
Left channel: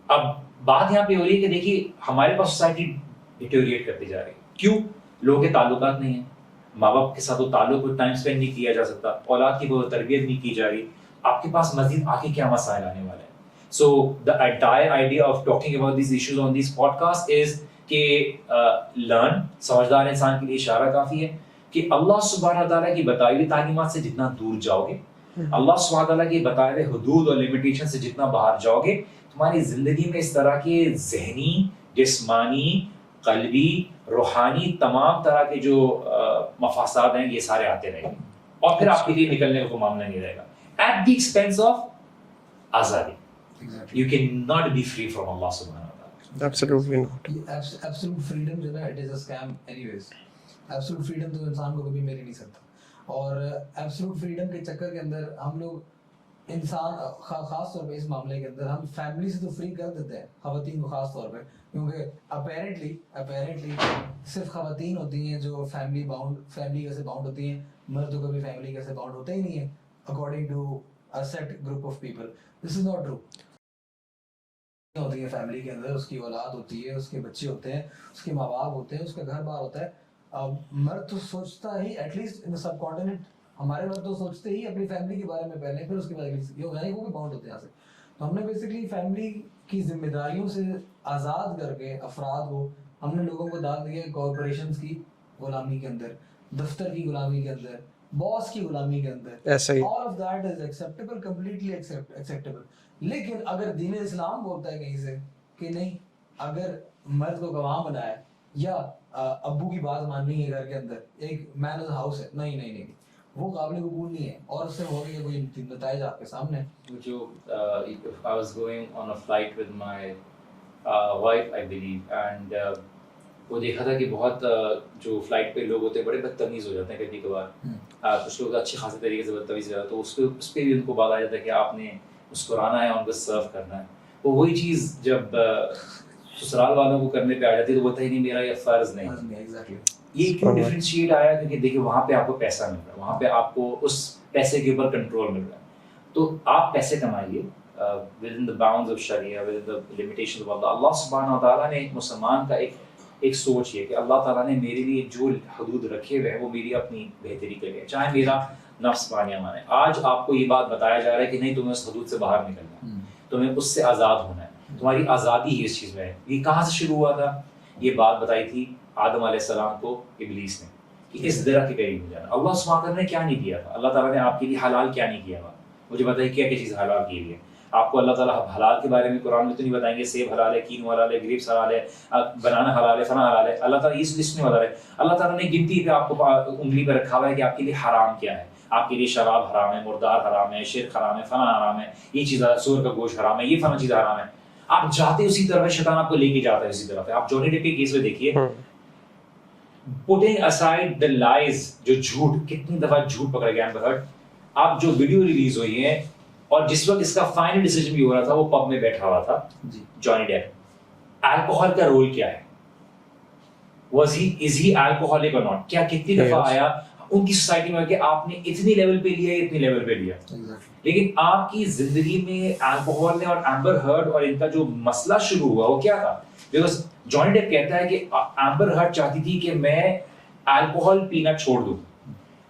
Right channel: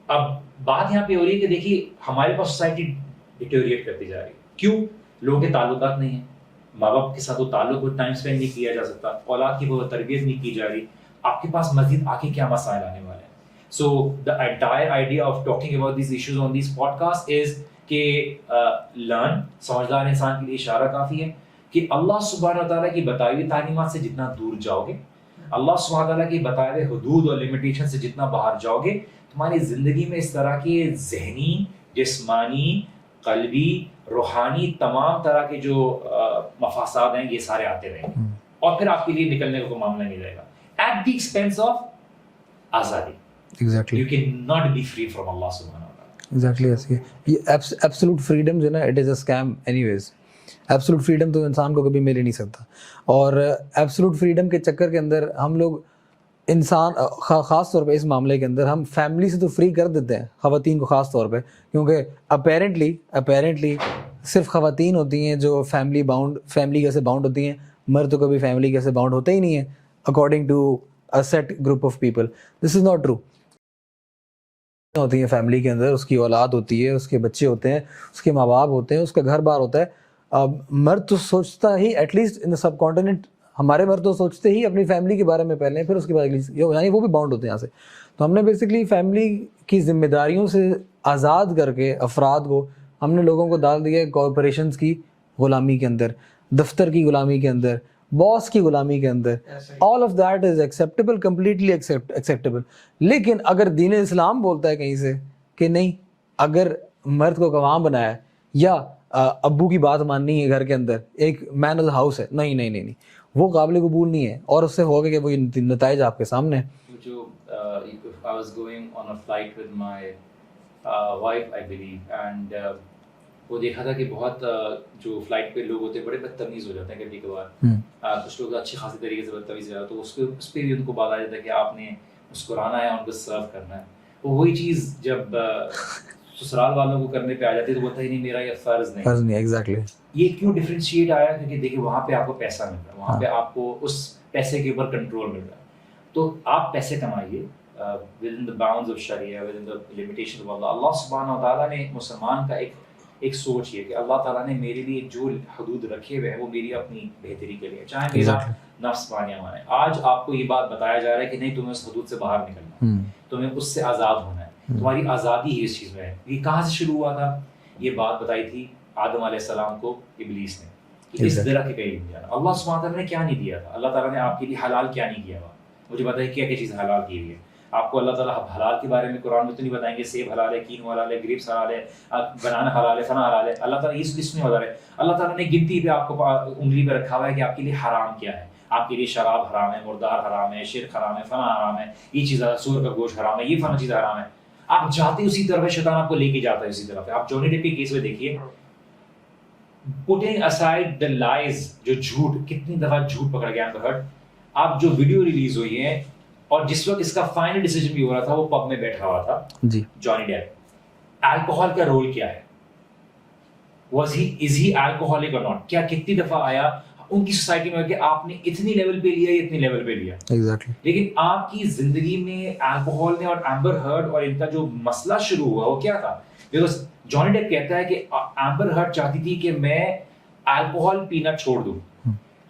اب بات یہاں پہ ہو رہی ہے کہ دیکھیے ہمارے پاس society deteriorate کرتی جا رہی ہے. کیوں؟ لوگوں کے تعلقات نہیں ہیں, ماں باپ کے ساتھ وہ تعلق کو ٹائم اسپینڈ نہیں کیا جا سکتا, اولاد کی وہ تربیت نہیں کی جا رہی. آپ کے پاس مزید آگے کیا مسائل آنے والے ہیں. سو the entire idea of talking about these issues on these podcasts is کہ learn, سمجھدار انسان کے لیے اشارہ کافی ہے کہ اللہ سبحانہ تعالیٰ کی بتائی ہوئی تعلیمات سے جتنا دور جاؤ گے, اللہ سبحانہ تعالیٰ کی بتائے ہوئے حدود اور لمیٹیشن سے جتنا باہر جاؤ گے, تمہاری زندگی میں اس طرح کے ذہنی, جسمانی, قلبی, روحانی تمام طرح کے جو مفاسات ہیں یہ سارے آتے رہیں گے, اور پھر آپ کے لیے نکلنے کا کوئی معاملہ نہیں رہے گا ایٹ دی ایکسپینس آف آزادی. Exactly. You cannot be free from Allah subhanahu wa ta'ala. Absolutely. Absolute freedom جو نا, it is a scam anyways. Absolute freedom تو انسان کو کبھی مل ہی نہیں سکتا, اور absolute freedom کے چکر کے اندر ہم لوگ انسان خاص طور پہ اس معاملے کے اندر ہم فیملی سے تو فری کر دیتے ہیں, خواتین کو خاص طور پہ, کیونکہ اپیرنٹلی صرف خواتین ہوتی ہیں جو فیملی کیسے باؤنڈ ہوتی ہیں, مرد تو کبھی فیملی کیسے باؤنڈ ہوتے ہی نہیں ہیں according to a set group of people. This is not true. ہوتی ہیں فیملی کے اندر, اس کی اولاد ہوتی ہے, اس کے بچے ہوتے ہیں, اس کے ماں باپ ہوتے ہیں, اس کا گھر بار ہوتا ہے. مرد تو سوچتا ہی at least in the subcontinent ہمارے مرد تو سوچتے ہی اپنی فیملی کے بارے میں پہلے، پھر اس کے بعد یعنی وہ بھی باؤنڈ ہوتے ہیں یہاں سے. تو ہم نے بیسکلی فیملی کی ذمہ داریوں سے آزاد کر کے افراد کو ہم نے لوگوں کو ڈال دیا کارپوریشنز کی غلامی کے اندر، دفتر کی غلامی کے اندر، باس کی غلامی کے اندر. ایسا ہی all of that is acceptable, completely acceptable. لیکن اگر دین اسلام بولتا ہے کہیں سے کہ نہیں، اگر مرد کو گواہ بنایا ہے یا ابو کی بات ماننی ہے گھر کے اندر، ایک مین آف دا ہاؤس ہے، نہیں نہیں نہیں نہیں، وہ قابل قبول نہیں ہے. اور اس سے ہوگا کہ وہ نتائج آپ کے سامنے ہیں. جو I was going on a flight with my wife I believe and وہ دیکھا تھا کہ بہت جو فلائٹ پہ لوگ ہوتے ہیں بڑے بدتمیز ہو جاتے ہیں کبھی کبھار. کچھ لوگ اچھی خاصی طریقے سے بدتمیز ہو جاتے ہیں، تو اس پہ بھی ان کو بتایا جاتا ہے کہ آپ نے مسکرانا ہے، ان کو سرو کرنا ہے. وہی چیز جب سسرال والوں کو کرنے پہ آ جاتی ہے تو بولتا ہی نہیں میرا یہ فرض نہیں. ایگزیکٹلی. یہ کیوں ڈفرینشیٹ آیا؟ کیونکہ دیکھیں وہاں پہ آپ کو پیسہ مل رہا ہے، وہاں پہ آپ کو اس پیسے کے اوپر کنٹرول مل رہا ہے. تو آپ پیسے کمائیے within the bounds of Sharia, within the limitations of Allah. اللہ سبحانہ وتعالیٰ نے مسلمان کا ایک سوچ یہ کہ اللہ تعالیٰ نے میرے لیے جو حدود رکھے ہوئے ہیں وہ میری اپنی بہتری کے لیے، چاہے میرا نفس مانیہ مانے. آج آپ کو یہ بات بتایا جا رہا ہے کہ نہیں تمہیں اس حدود سے باہر نکلنا ہے، تمہیں اس سے آزاد ہونا ہے، تمہاری آزادی ہی اس چیز میں ہے. یہ کہاں سے شروع ہوا تھا؟ یہ بات بتائی تھی آدم علیہ السلام کو ابلیس نے کہ اس درخت کے قریب نہیں جانا. اللہ سبحانہ وتعالیٰ نے کیا نہیں دیا تھا؟ اللہ تعالیٰ نے آپ کے لیے حلال کیا نہیں کیا تھا؟ مجھے بتائیے کیا کیا چیز حلال کی ہوئی ہے آپ کو؟ اللہ تعالیٰ حلال کے بارے میں قرآن میں تو نہیں بتائیں گے سیب حلال ہے، کینو حلال ہے، گریپس حلال ہے، بنانا حلال ہے، فنا حلال ہے. اللہ تعالیٰ اس لسٹ میں حلال ہے. اللہ تعالیٰ نے گنتی پہ آپ کو انگلی پہ رکھا ہوا ہے کہ آپ کے لیے حرام کیا ہے. آپ کے لیے شراب حرام ہے، مردار حرام ہے، شرک حرام ہے، فنا حرام ہے، یہ چیز سور کا گوشت حرام ہے، یہ فنا چیز حرام ہے. آپ جاتے اسی طرف ہے، شیطان آپ کو لے کے جاتا ہے اسی طرف ہے. آپ جونی ڈیپ کے کیس میں دیکھیے، putting aside the lies، جو جھوٹ، کتنی دفعہ جھوٹ پکڑا گیا ہے. آپ جو ویڈیو ریلیز ہوئی ہے اور جس وقت اس کا فائنل ڈیسیجن بھی ہو رہا تھا وہ پب میں بیٹھا ہوا تھا جی جانی ڈیپ. الکوہول کا رول کیا ہے؟ was he alcoholic or not؟ کیا کتنی دفعہ آیا ان کی سوسائٹی میں کہ آپ نے اتنی لیول پہ لیا، اتنی لیول پہ لیا. ایگزیکٹلی. لیکن آپ کی زندگی میں الکوہول نے اور ایمبر ہرڈ اور ان کا جو مسئلہ شروع ہوا وہ کیا تھا؟ بیکاز جانی ڈیپ کہتا ہے کہ ایمبر ہرڈ چاہتی تھی کہ میں الکوہول پینا چھوڑ دوں،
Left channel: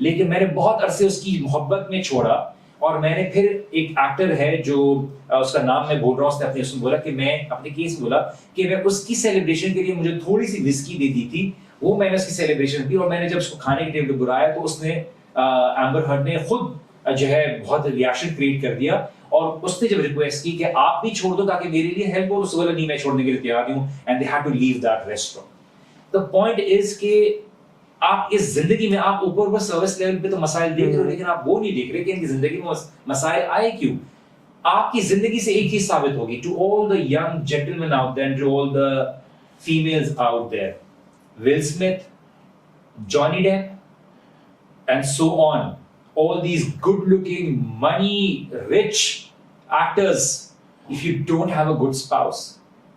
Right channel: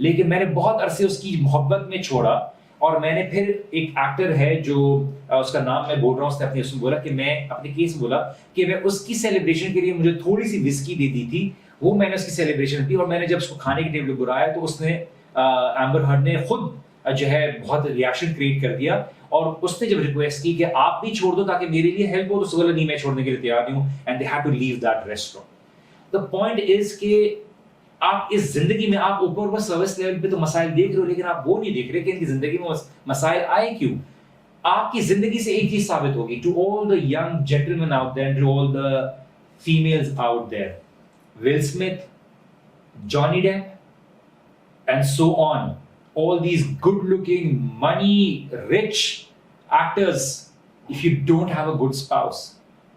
لیکن میں نے بہت عرصے اس کی محبت میں چھوڑا. اور میں نے پھر ایک ایکٹر ہے جو اس کا نام میں بول رہا ہوں، اس نے اپنے اس میں بولا کہ میں اپنے کیس بولا کہ میں اس کی سیلیبریشن کے لیے مجھے تھوڑی سی وسکی دیتی تھی، وہ میں نے اس کی سیلیبریشن کی. اور میں نے جب اس کو کھانے کے ٹیبل پہ بلایا تو اس نے ایمبر ہرڈ نے خود جو ہے بہت ریئیکشن کریٹ کر دیا. اور اس نے جب ریکویسٹ کی کہ آپ بھی چھوڑ دو تاکہ میرے لیے ہیلپ ہو، تو اس بولا نہیں میں چھوڑنے کے لیے تیار ہوں. And they had to leave that restaurant. The point is کہ آپ اس زندگی میں آپ اوپر سروس لیول پہ تو مسائل دیکھ رہے ہو، لیکن آپ وہ نہیں دیکھ رہے کہ ان کی زندگی میں مسائل آئے کیوں. آپ کی زندگی سے ایک چیز ثابت ہوگی to all the young gentlemen out there, to all the families out there, Will Smith, Johnny Depp and so on, all these good looking money rich actors, if you don't have a good spouse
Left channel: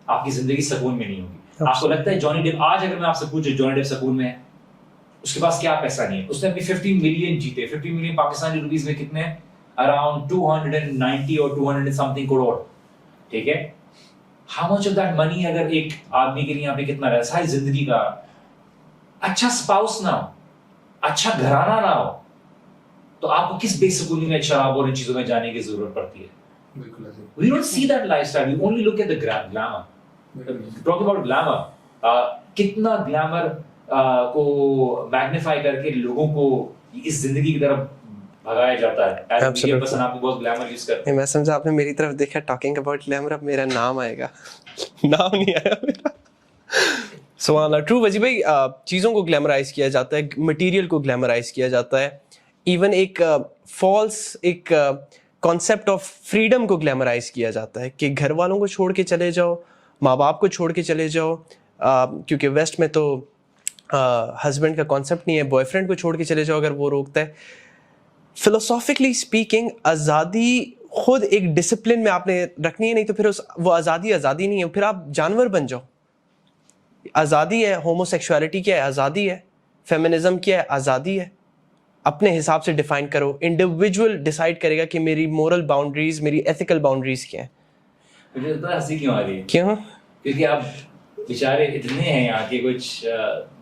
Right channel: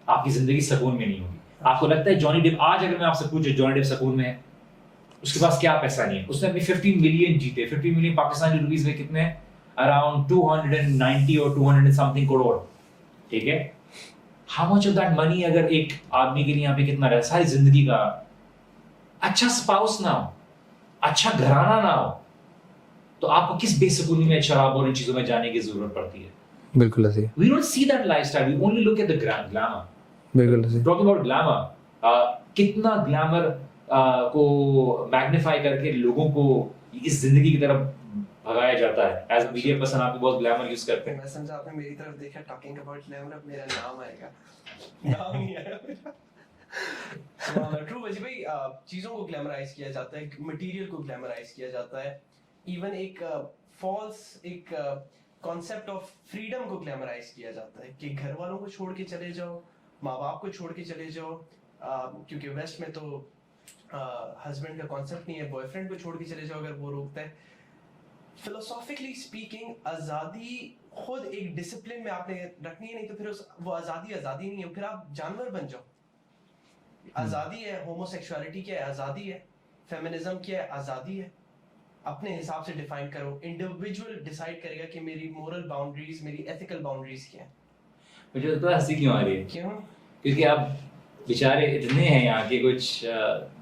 آپ کی زندگی سکون میں نہیں ہوگی. آپ کو لگتا ہے جانی ڈیپ، آج اگر میں آپ سے پوچھے جانی ڈیپ سکون میں ہے؟ اس کے پاس کیا پیسہ نہیں ہے. اس نے اپنی 15 ملین جیتے، 15 ملین پاکستانی روپیز میں کتنے ہیں؟ اراؤنڈ 290 اور 200 something کروڑ. ٹھیک ہے، how much of that money اگر ایک آدمی کے لیے یہاں پہ کتنا رہا ساری زندگی کا؟ اچھا اسپاؤس نہ ہو، اچھا گھرانہ نہ ہو، تو آپ کو کس بے سکونی میں شراب اور ان چیزوں میں جانے کی ضرورت پڑتی ہے؟ بالکل صحیح. We don't see that lifestyle. We only look at the glamour. بالکل صحیح. Talking about glamour، کتنا گلیمر کو میگنیفائی کر کے لوگوں کو اس زندگی کی طرف بھگایا جاتا ہے. بس آپ بہت گلیمر یوز کرتے ہیں. میں سمجھا آپ نے میری طرف دیکھا. ٹاکنگ اباؤٹ گلیمر، اب میرا نام آئے گا. نام نہیں آیا میرا. سبحان اللہ. ٹرو وجی بھائی، چیزوں کو گلیمرائز کیا جاتا ہے، مٹیریل کو گلیمرائز کیا جاتا ہے، ایون ایک فالس ایک کانسیپٹ آف فریڈم کو گلیمرائز کیا جاتا ہے کہ گھر والوں کو چھوڑ کے چلے جاؤ، ماں باپ کو چھوڑ کے چلے جاؤ. کیونکہ ویسٹ میں تو ہسبینڈ کا کانسیپٹ نہیں ہے، بوائے فرینڈ کو چھوڑ کے چلے جاؤ اگر وہ روکتا ہے. فلوسافکلی اسپیکنگ آزادی خود ایک ڈسپلن میں آپ نے رکھنی ہے، نہیں تو پھر وہ آزادی نہیں ہے، پھر آپ جانور بن جاؤ. آزادی ہے، ہومو سیکشوالٹی کیا ہے؟ آزادی ہے. فیمنزم کیا ہے؟ آزادی ہے. اپنے حساب سے ڈیفائن کرو. انڈیویجول ڈیسائیڈ کرے گا کہ میری مورل باؤنڈریز، میری ایتھیکل باؤنڈریز کیا ہیں. مجھے تو ہنسی کیوں آ رہی ہے؟ کیوں؟ کیونکہ آپ بیچارے اتنے ہیں یہاں کے کچھ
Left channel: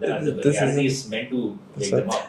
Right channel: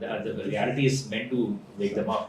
then the reality is meant to wake them up.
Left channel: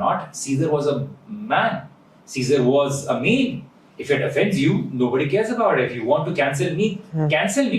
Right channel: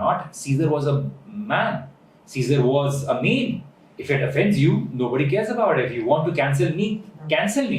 not, Caesar was a man, Caesar was a man. If it offends you, nobody cares about it. If you want to cancel me, cancel me.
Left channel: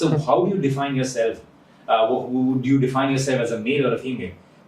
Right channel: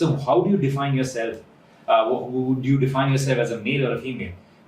so how do you define yourself? Do you define yourself as a male or a female?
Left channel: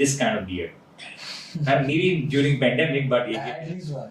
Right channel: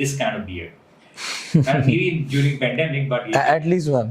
this kind of beard? And maybe during pandemic, but at least one.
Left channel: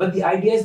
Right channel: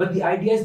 but the idea is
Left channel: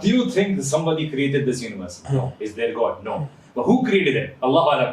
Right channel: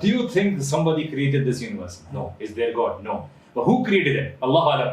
do you think somebody created this universe? No. Is there God? No. But who created it? Allah alam.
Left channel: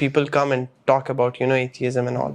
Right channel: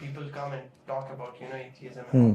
people come and talk about atheism and all.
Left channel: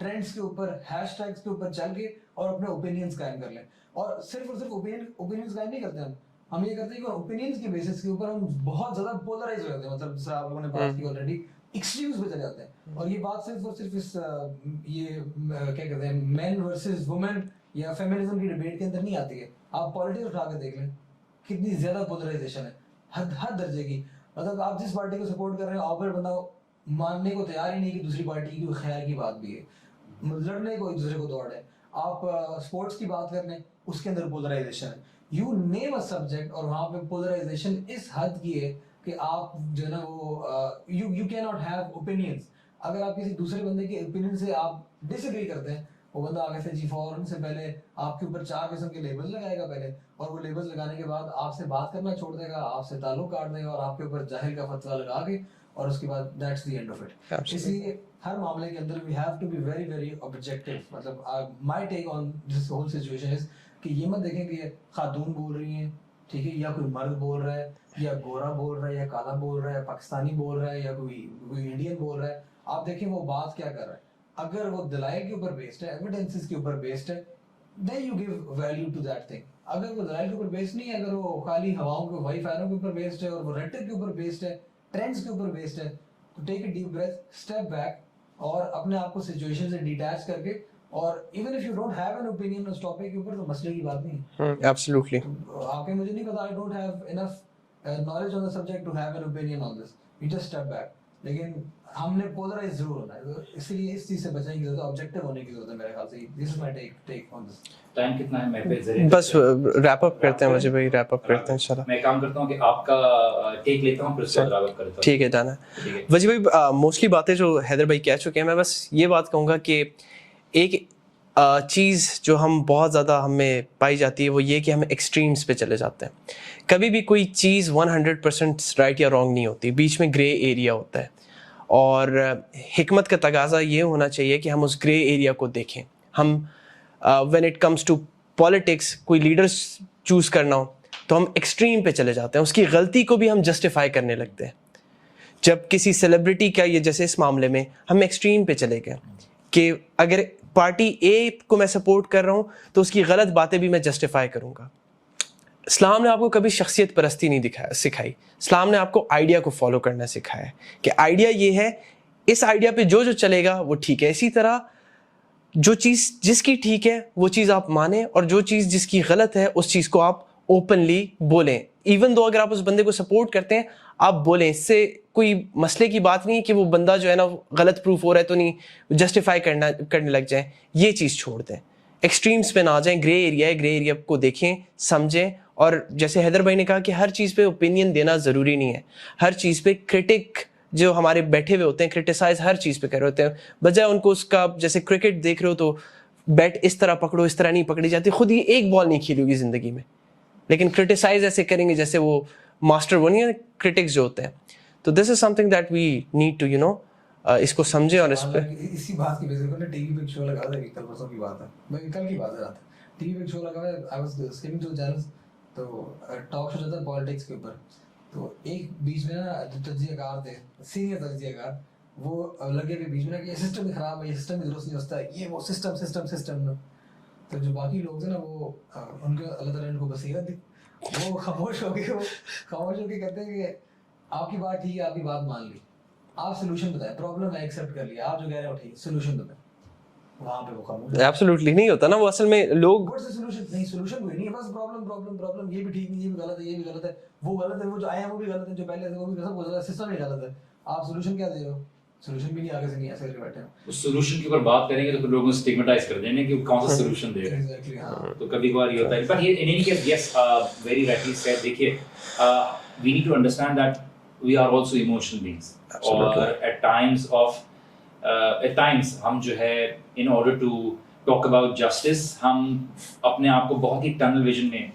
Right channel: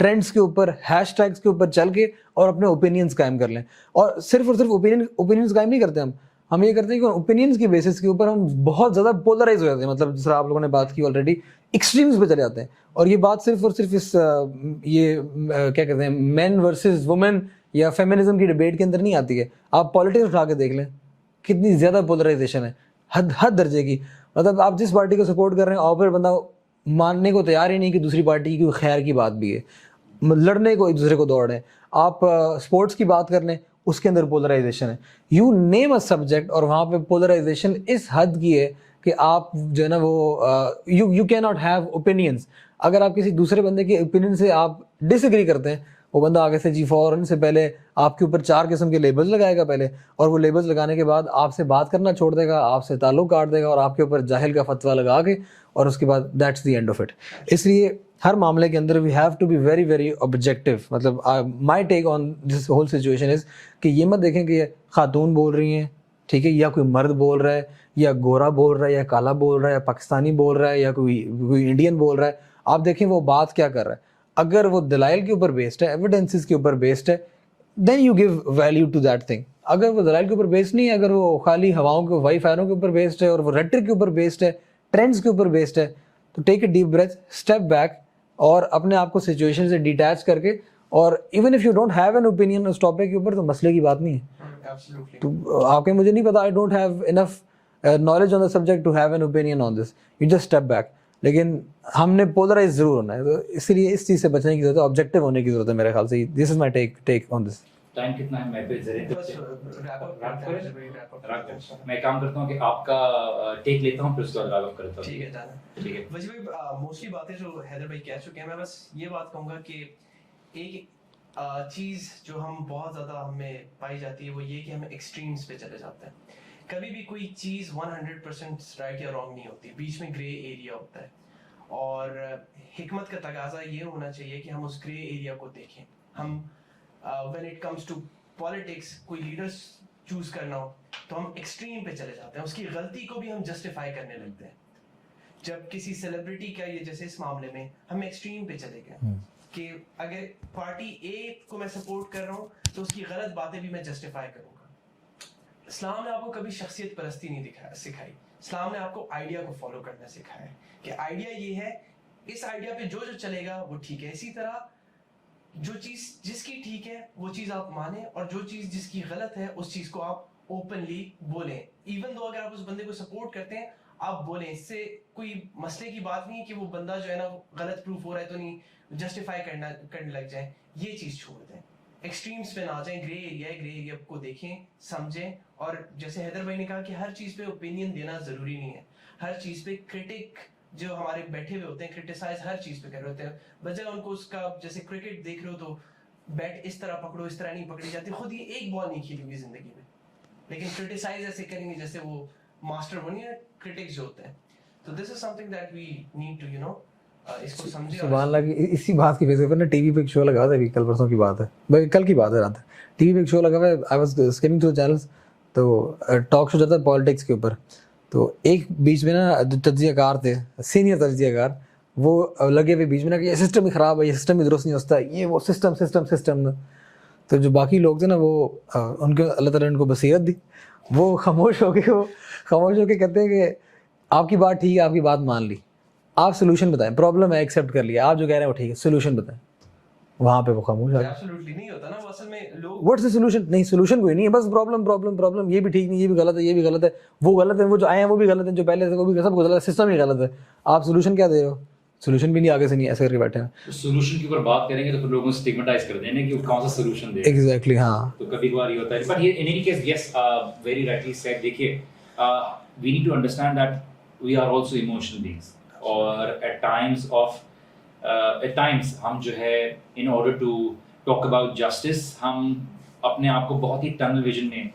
Trends کے اوپر hash tags کے اوپر چل کے اور اپنے opinions قائم کر لیں. اور صرف اوپینینس قائم نہیں کرتے ہم یہ کرتے ہیں کہ اوپینینس کی بیسس کے اوپر ہم بہت زیادہ پولرائز ہو جاتے ہیں. مطلب جس طرح آپ لوگوں نے بات کی آلریڈی, ایکسٹریمز پہ چلے جاتے ہیں. اور یہ بات صرف اور صرف اس یہ کیا کہتے ہیں مین ورسز وومن یا فیمنزم کی ڈبیٹ کے اندر نہیں آتی ہے. آپ پالیٹکس اٹھا کے دیکھ لیں کتنی زیادہ پولرائزیشن ہے, حد درجے کی. مطلب آپ جس پارٹی کو سپورٹ کر رہے ہیں آپر بندہ ماننے کو تیار ہی نہیں کہ دوسری پارٹی کی کوئی خیر کی بات بھی ہے, لڑنے کو ایک دوسرے کو دوڑ رہے ہیں. آپ اسپورٹس کی بات کر لیں, اس کے اندر پولرائزیشن ہے. یو نیم اے سبجیکٹ اور وہاں پہ پولرائزیشن اس حد کی ہے کہ آپ جو ہے نا وہ یو کی ناٹ ہیو اوپینینس. اگر آپ کسی دوسرے بندے کے اوپینین سے آپ ڈس ایگری کرتے ہیں, وہ بندہ آگے سے جی فوراً سے پہلے آپ کے اوپر 4 قسم کے لیبلز لگائے گا پہلے, اور وہ لیبلز لگانے کے بعد آپ سے بات کرنا چھوڑ دے گا, آپ سے تعلق کاٹ دے گا اور آپ کے اوپر جاہل کا فتویٰ لگا کے, اور اس کے بعد that's the end of it. اس لیے ہر معاملے کے اندر we have to be very very objective. مطلب my take on this whole situation is کہ یہ مت دیکھیں کہ خاتون بول رہی ہیں, ٹھیک ہے, یا کوئی مرد بول رہا ہے, یا گورا بول رہا ہے, یا کالا بول رہا ہے, یا پاکستانی بول رہا ہے, یا کوئی انڈین بول رہا ہے. آپ دیکھیں وہ بات کیا کر رہا ہے. اگر وہ دلائل کے اوپر بیسڈ ہے, ایویڈنسز کے اوپر بیسڈ ہے, then you give value to that thing. اگر وہ دلائل کے اوپر بیسڈ نہیں ہے, اگر وہ خالی ہواؤں کے وائی فائروں کے اوپر بیسڈ ہے, اور وہ ریٹرک کے اوپر بیسڈ ہے, ٹرینڈس کے اوپر بیسڈ ہے, تو take a deep breath, step back, اور اپنے آپ کو سچویشن سے ڈیٹیچ کر کے, اور even if you don't have an opinion اس ٹاپک کے اوپر, تو مسئلے کی بات نہیں ہے. ایبسلیوٹلی. آپ کے مجھے نہیں پتا, I don't have enough knowledge on the subject to have an opinion on this, you just step back. لیکن ہم نے پولرائز ضرور ہونا ہے, تو اس لیے اس چیز سے بچنے کی ضرورت ہے, آبجیکٹیو ہونے کی ضرورت ہے میرے خیال سے. دس از مائی ٹیک آن دس. ٹائم کتنا ہے؟ میں بس ریپ اپ کرتے ہیں, مجھے بھائی ریپ اپ کرتے ہیں انشاءاللہ. میں کام کرتا ہوں کہ آپ کا ٹیک لیتا ہوں, پھر اس کے بعد ریپ اپ کرتا ہوں. ٹھیک ہے, جانا ہے. وجی بھائی موسٹلی باتیں جو حیدر بھائی کہہ چکے ہیں, میں بس یہ بات کہوں گا کہ ایک چیز جو ہم بہت زیادہ ہمیں پائی جاتی ہے وہ یہ کہ ہم ایکسٹریمز پہ چلے جاتے ہیں. کبھی بھی کوئی چیز 100% رائٹ یا رانگ نہیں ہوتی, بیچ میں گرے ایریا ہوتا ہے. اور حکمت کا تقاضا یہ ہونا چاہیے کہ ہم اس گرے ایریا کو دیکھیں. ہم when it comes to politics, کوئی لیڈرس چوز کرنا ہو تو ہم ایکسٹریم پہ چلے جاتے ہیں, اس کی غلطی کو بھی ہم جسٹیفائی کرنے لگتے ہیں. جب کسی سیلیبریٹی کا, یہ جیسے اس معاملے میں ہم ایکسٹریم پہ چلے گئے کہ اگر پارٹی اے کو میں سپورٹ کر رہا ہوں تو اس کی غلط باتیں بھی میں جسٹیفائی کروں گا. اسلام نے آپ کو کبھی شخصیت پرستی نہیں سکھائی. اسلام نے آپ کو آئیڈیا کو فالو کرنا سکھایا ہے کہ آئیڈیا یہ ہے, اس آئیڈیا پہ جو چلے گا وہ ٹھیک ہے. اسی طرح جو چیز جس کی ٹھیک ہے وہ چیز آپ مانیں, اور جو چیز جس کی غلط ہے اس چیز کو آپ اوپنلی بولیں. ایون دو اگر آپ اس بندے کو سپورٹ کرتے ہیں آپ بولیں, اس سے کوئی مسئلے کی بات نہیں ہے کہ وہ بندہ جو ہے نا غلط پروف ہو رہا ہے تو نہیں جسٹیفائی کرنے لگ جائیں. یہ چیز چھوڑ دیں, ایکسٹریمز پہ نہ جائیں. گرے ایریا ہے, گرے ایریا کو دیکھیں, سمجھیں. اور جیسے حیدر بھائی نے کہا کہ ہر چیز پہ اوپینین دینا ضروری نہیں ہے. ہر چیز پہ کرٹک جو ہمارے بیٹھے ہوئے ہوتے ہیں, کرٹیسائز ہر چیز پہ کر رہے ہوتے ہیں, بجائے ان کو اس کا, جیسے کرکٹ دیکھ رہے ہو تو بیٹ اس طرح پکڑو, اس طرح نہیں پکڑی جاتی. خود ہی ایک بال نہیں کھیلی ہوگی زندگی میں, لیکن کرٹیسائز ایسے کریں گے جیسے وہ ماسٹر, وہ نہیں ہے کرٹکس جو ہوتے ہیں. تو this is something that we need to اس کو سمجھیں. اور اسی بات کی وجہ سے نا ٹی وی پہ ایک شو لگا تھا, ابھی کل پرسوں کی بات ہے بھائی, کل کی بات ہے رات, ٹی وی پہ ایک شو لگا ہوا ہے, I was screening through channels, تو ٹاک شو جاتا ہے پالیٹکس کے اوپر. تو ایک بیچ میں نا جو تجزیہ کار تھے, سینئر تجزیہ کار, وہ لگے ہوئے بیچ میں نا کہ یہ سسٹم ہی خراب ہے, یہ سسٹم ہی درست نہیں ہوتا, یہ وہ سسٹم. تو جو باقی لوگ تھے نا وہ ان کو اللہ تعالیٰ نے ان کو بصیرت دی, وہ خاموش ہو کے کہتے ہیں کہ آپ کی بات ٹھیک ہے, آپ کی بات مان لی, آپ سولوشن بتائیں. پرابلم ہے ایکسیپٹ کر لیا, آپ جو کہہ رہے ہیں وہ ٹھیک ہے, سولوشن بتائیں. وہاں پہ وہ خاموش ہے. ایبسلیوٹلی نہیں ہوتا نا وہ, اصل میں لوگ واٹس دا سولوشن, نہیں سولوشن کوئی نہیں ہے, بس پرابلم, یہ بھی ٹھیک نہیں, یہ بھی غلط ہے, یہ بھی غلط ہے, وہ غلط ہے, وہ جو آئے ہیں وہ بھی غلط ہیں, جو پہلے تھے وہ بھی, سب غلط ہے, سسٹم ہی غلط ہے. آپ سولوشن کیا دے رہے ہو؟ سولوشن بھی نہیں, آگے سے نہیں, ایسے کر کے بیٹھے ہیں. سولوشن کے اوپر بات کریں گے تو پھر لوگ اسٹگمیٹائز کرتے ہیں کہ کون سا سولوشن دے. ایگزیکٹلی, ہاں. تو کبھی کبھار یہ ہوتا ہے, but in any case yes very rightly said. دیکھیے we need to understand that we are also emotional beings, اور ایٹ ٹائمس ہم جو ہے in order to talk about justice, ہم اپنے آپ کو بہت ہی ٹنل ویژن میں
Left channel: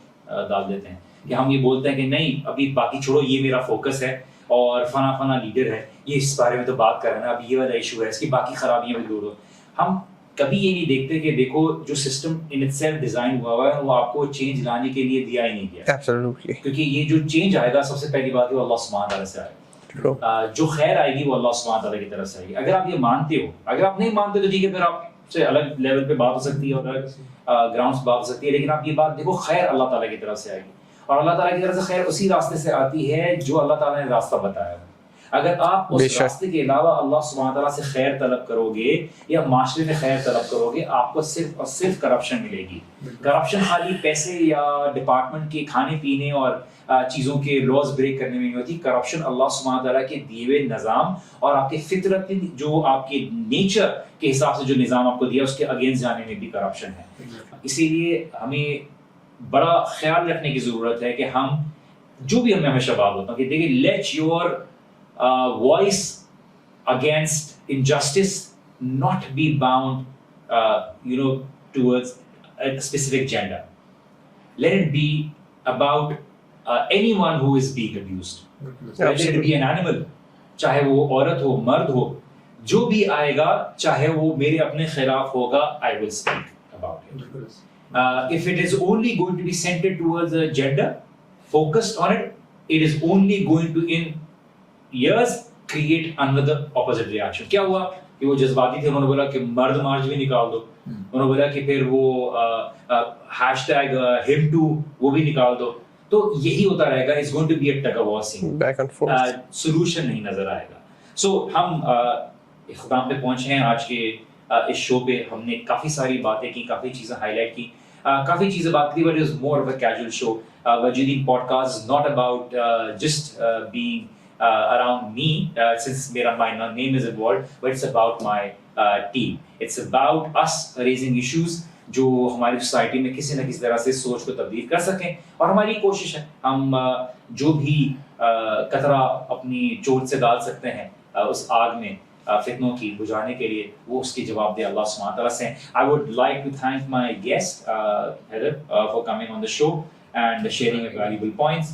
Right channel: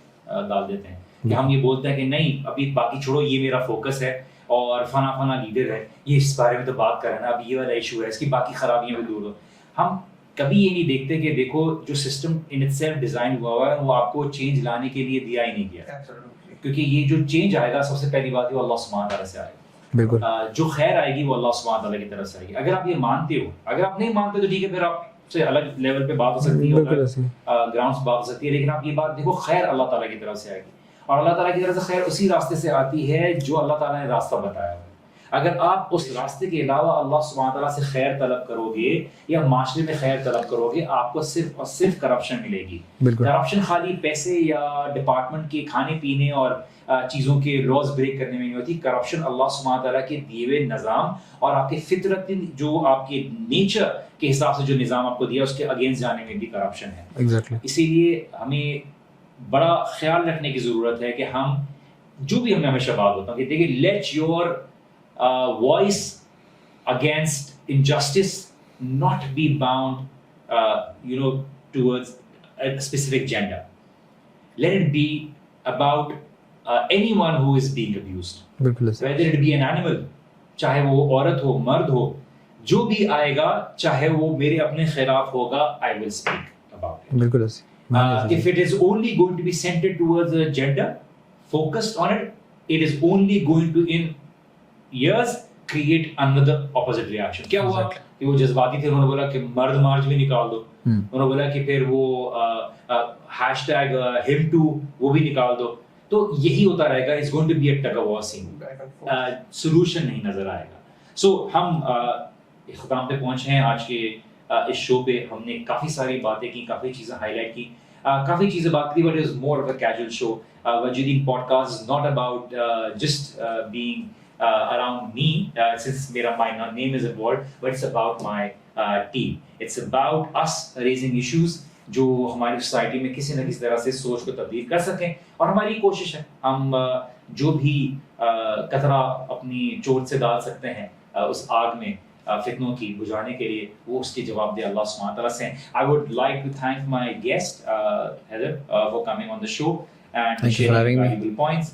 ڈال دیتے ہیں کہ ہم یہ بولتے ہیں کہ نہیں ابھی باقی چھوڑو, یہ میرا فوکس ہے, اور فنا لیڈر ہے, یہ اس بارے میں تو بات کر رہے ہیں, اب یہ والا ایشو ہے, اس کی باقی خرابیاں بھی دور ہو. ہم کبھی یہ نہیں دیکھتے کہ دیکھو جو system in it self design ہوا ہے وہ آپ کو چینج لانے کے لیے دیا ہی نہیں گیا. ایبسلیوٹلی, کیونکہ یہ جو چینج آئے گا سب سے پہلی بات ہے وہ اللہ سبحانہ تعالیٰ سے آئے گا, جو خیر آئے گی وہ اللہ سبحانہ تعالیٰ کی طرف سے آئے گی. اگر آپ یہ مانتے ہو, اگر آپ نہیں مانتے تو ٹھیک ہے, پھر آپ سے الگ لیول پہ بات ہو سکتی ہے اور بالکل ایسے گراؤنڈ سے بات ہو سکتی ہے، لیکن آپ یہ بات دیکھو خیر اللہ تعالیٰ کی طرف سے آئے گی، اور اللہ تعالیٰ کی طرف سے خیر اسی راستے سے آتی ہے جو اللہ تعالیٰ نے راستہ بتایا ہے۔ اگر آپ اس راستے کے علاوہ اللہ سبحانہ تعالیٰ سے خیر طلب کرو گے یا معاشرے میں خیر طلب کرو گے، آپ کو صرف اور صرف کرپشن ملے گی۔ کرپشن خالی پیسے یا ڈپارٹمنٹ کے کھانے پینے اور چیزوں کے لاز بریک کرنے میں نہیں ہوتی، کرپشن اللہ سبحانہ تعالیٰ کے دیے ہوئے نظام اور آپ کے فطرت جو آپ کے نیچر کے حساب سے جو نظام آپ کو دیا اس کے اگینسٹ جانے میں بھی کرپشن ہے۔ اسی لیے ہمیں بڑا خیال رکھنے کی ضرورت ہے کہ ہم جو بھی ہمیں ہمیشہ بات ہوتا ہے کہ دیکھیے let your voice against injustice not be bound towards a specific gender. Let it be about anyone who is being abused. Let it be an animal, چاہے وہ عورت ہو مرد ہو، جو بھی آئے گا چاہے وہ میرے اپنے خلاف ہوگا I will speak about it. If it is only going to be centered towards a gender, focused on it, it is only going to in years create another opposite reaction. کیا ہوا کہ وہ جذباتی تھے، انہوں نے بولا کہ مرد مارچ بھی نکال دو، انہوں نے بولا کہ پھر وہ ہیش ٹیگ him too وہ بھی نکال دو، تو یہی ہوتا رہے گا. It's going to be a tug of war scene. Solution نہیں نظر آئے گا. سو ہم اختتام پہ پہنچے ہیں آج کے اس شو پہ. ہم نے کافی ساری باتیں کی، کافی چیزیں ہائی لائٹ کی، کافی چیزیں بات کی، but it is more of a casual show. وجیدین podcast is not about just being around me, since my name is involved, but it's about my team. It's about us raising issues جو ہماری society میں کسی نہ کسی طرح سے سوچ کو تبدیل کر سکیں، اور ہماری کوشش ہے ہم جو بھی قطرہ اپنی چوٹ سے ڈال سکتے ہیں اس آگ میں فتنوں کی بجھانے کے لیے، وہ اس کے جواب دے اللہ سبحانہ تعالیٰ سے. I would like to thank my guest Heather for coming on the show and sharing valuable points.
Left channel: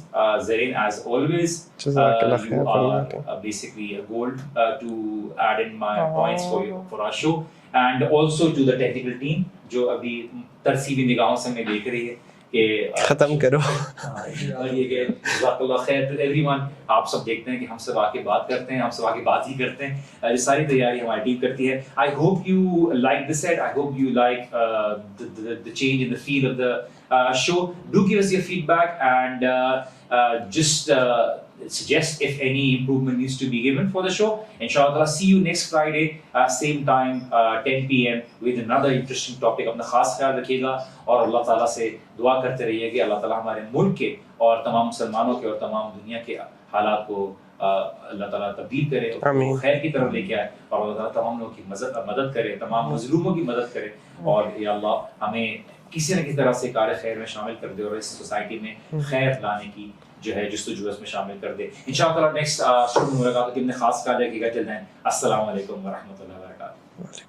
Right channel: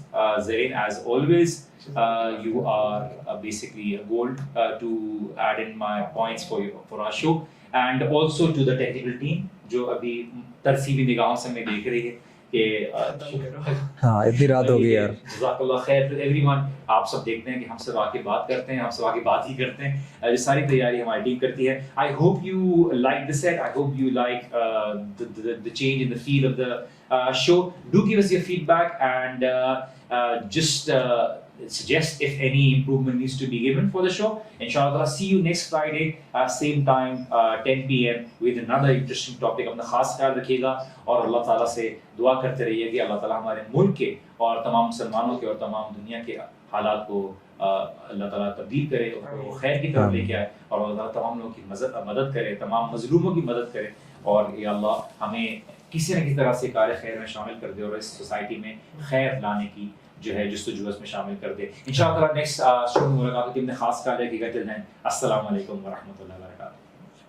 Zareen, as always, you are basically a gold to add in my points for our show, and also to the technical team جو ابھی ترسیبی نگاہوں سے ہمیں دیکھ رہی ہے کہ ختم کرو. ہاں اتنی رات ہو گئی یار. جزاک اللہ خیر ٹو ایوری ون. آپ سب دیکھتے ہیں کہ ہم سب آ کے بات کرتے ہیں، ہم سب آ کے بات ہی کرتے ہیں، جو ساری تیاری ہماری ٹیم کرتی ہے. I hope you like this set, I hope you like the change in the feel of the show. Do give us your feedback and just suggest if any improvement needs to be given for the show. Inshallah, see you next Friday, same time, 10 p.m. with another interesting topic. اپنا خاص خیال رکھیے گا اور اللہ تعالیٰ سے دعا کرتے رہیے کہ اللہ تعالیٰ ہمارے ملک کے اور تمام مسلمانوں کے اور تمام دنیا کے حالات کو اللہ تعالیٰ تبدیل کرے، خیر کی طرف لے کے آئے، اور اللہ تعالیٰ تمام لوگوں کی مدد کرے، تمام مظلوموں کی مدد کرے، اور یا اللہ ہمیں کسی نہ کسی طرح سے کار خیر میں شامل کر دے اور اس سوسائٹی میں خیر لانے کی جو ہے جستجو اس میں شامل کر دے. انشاءاللہ نیکسٹ شو میں ملاقات ہوگی. اپنے خاص خیال رکھیے گا. ٹل دین السلام علیکم ورحمۃ اللہ وبرکاتہ.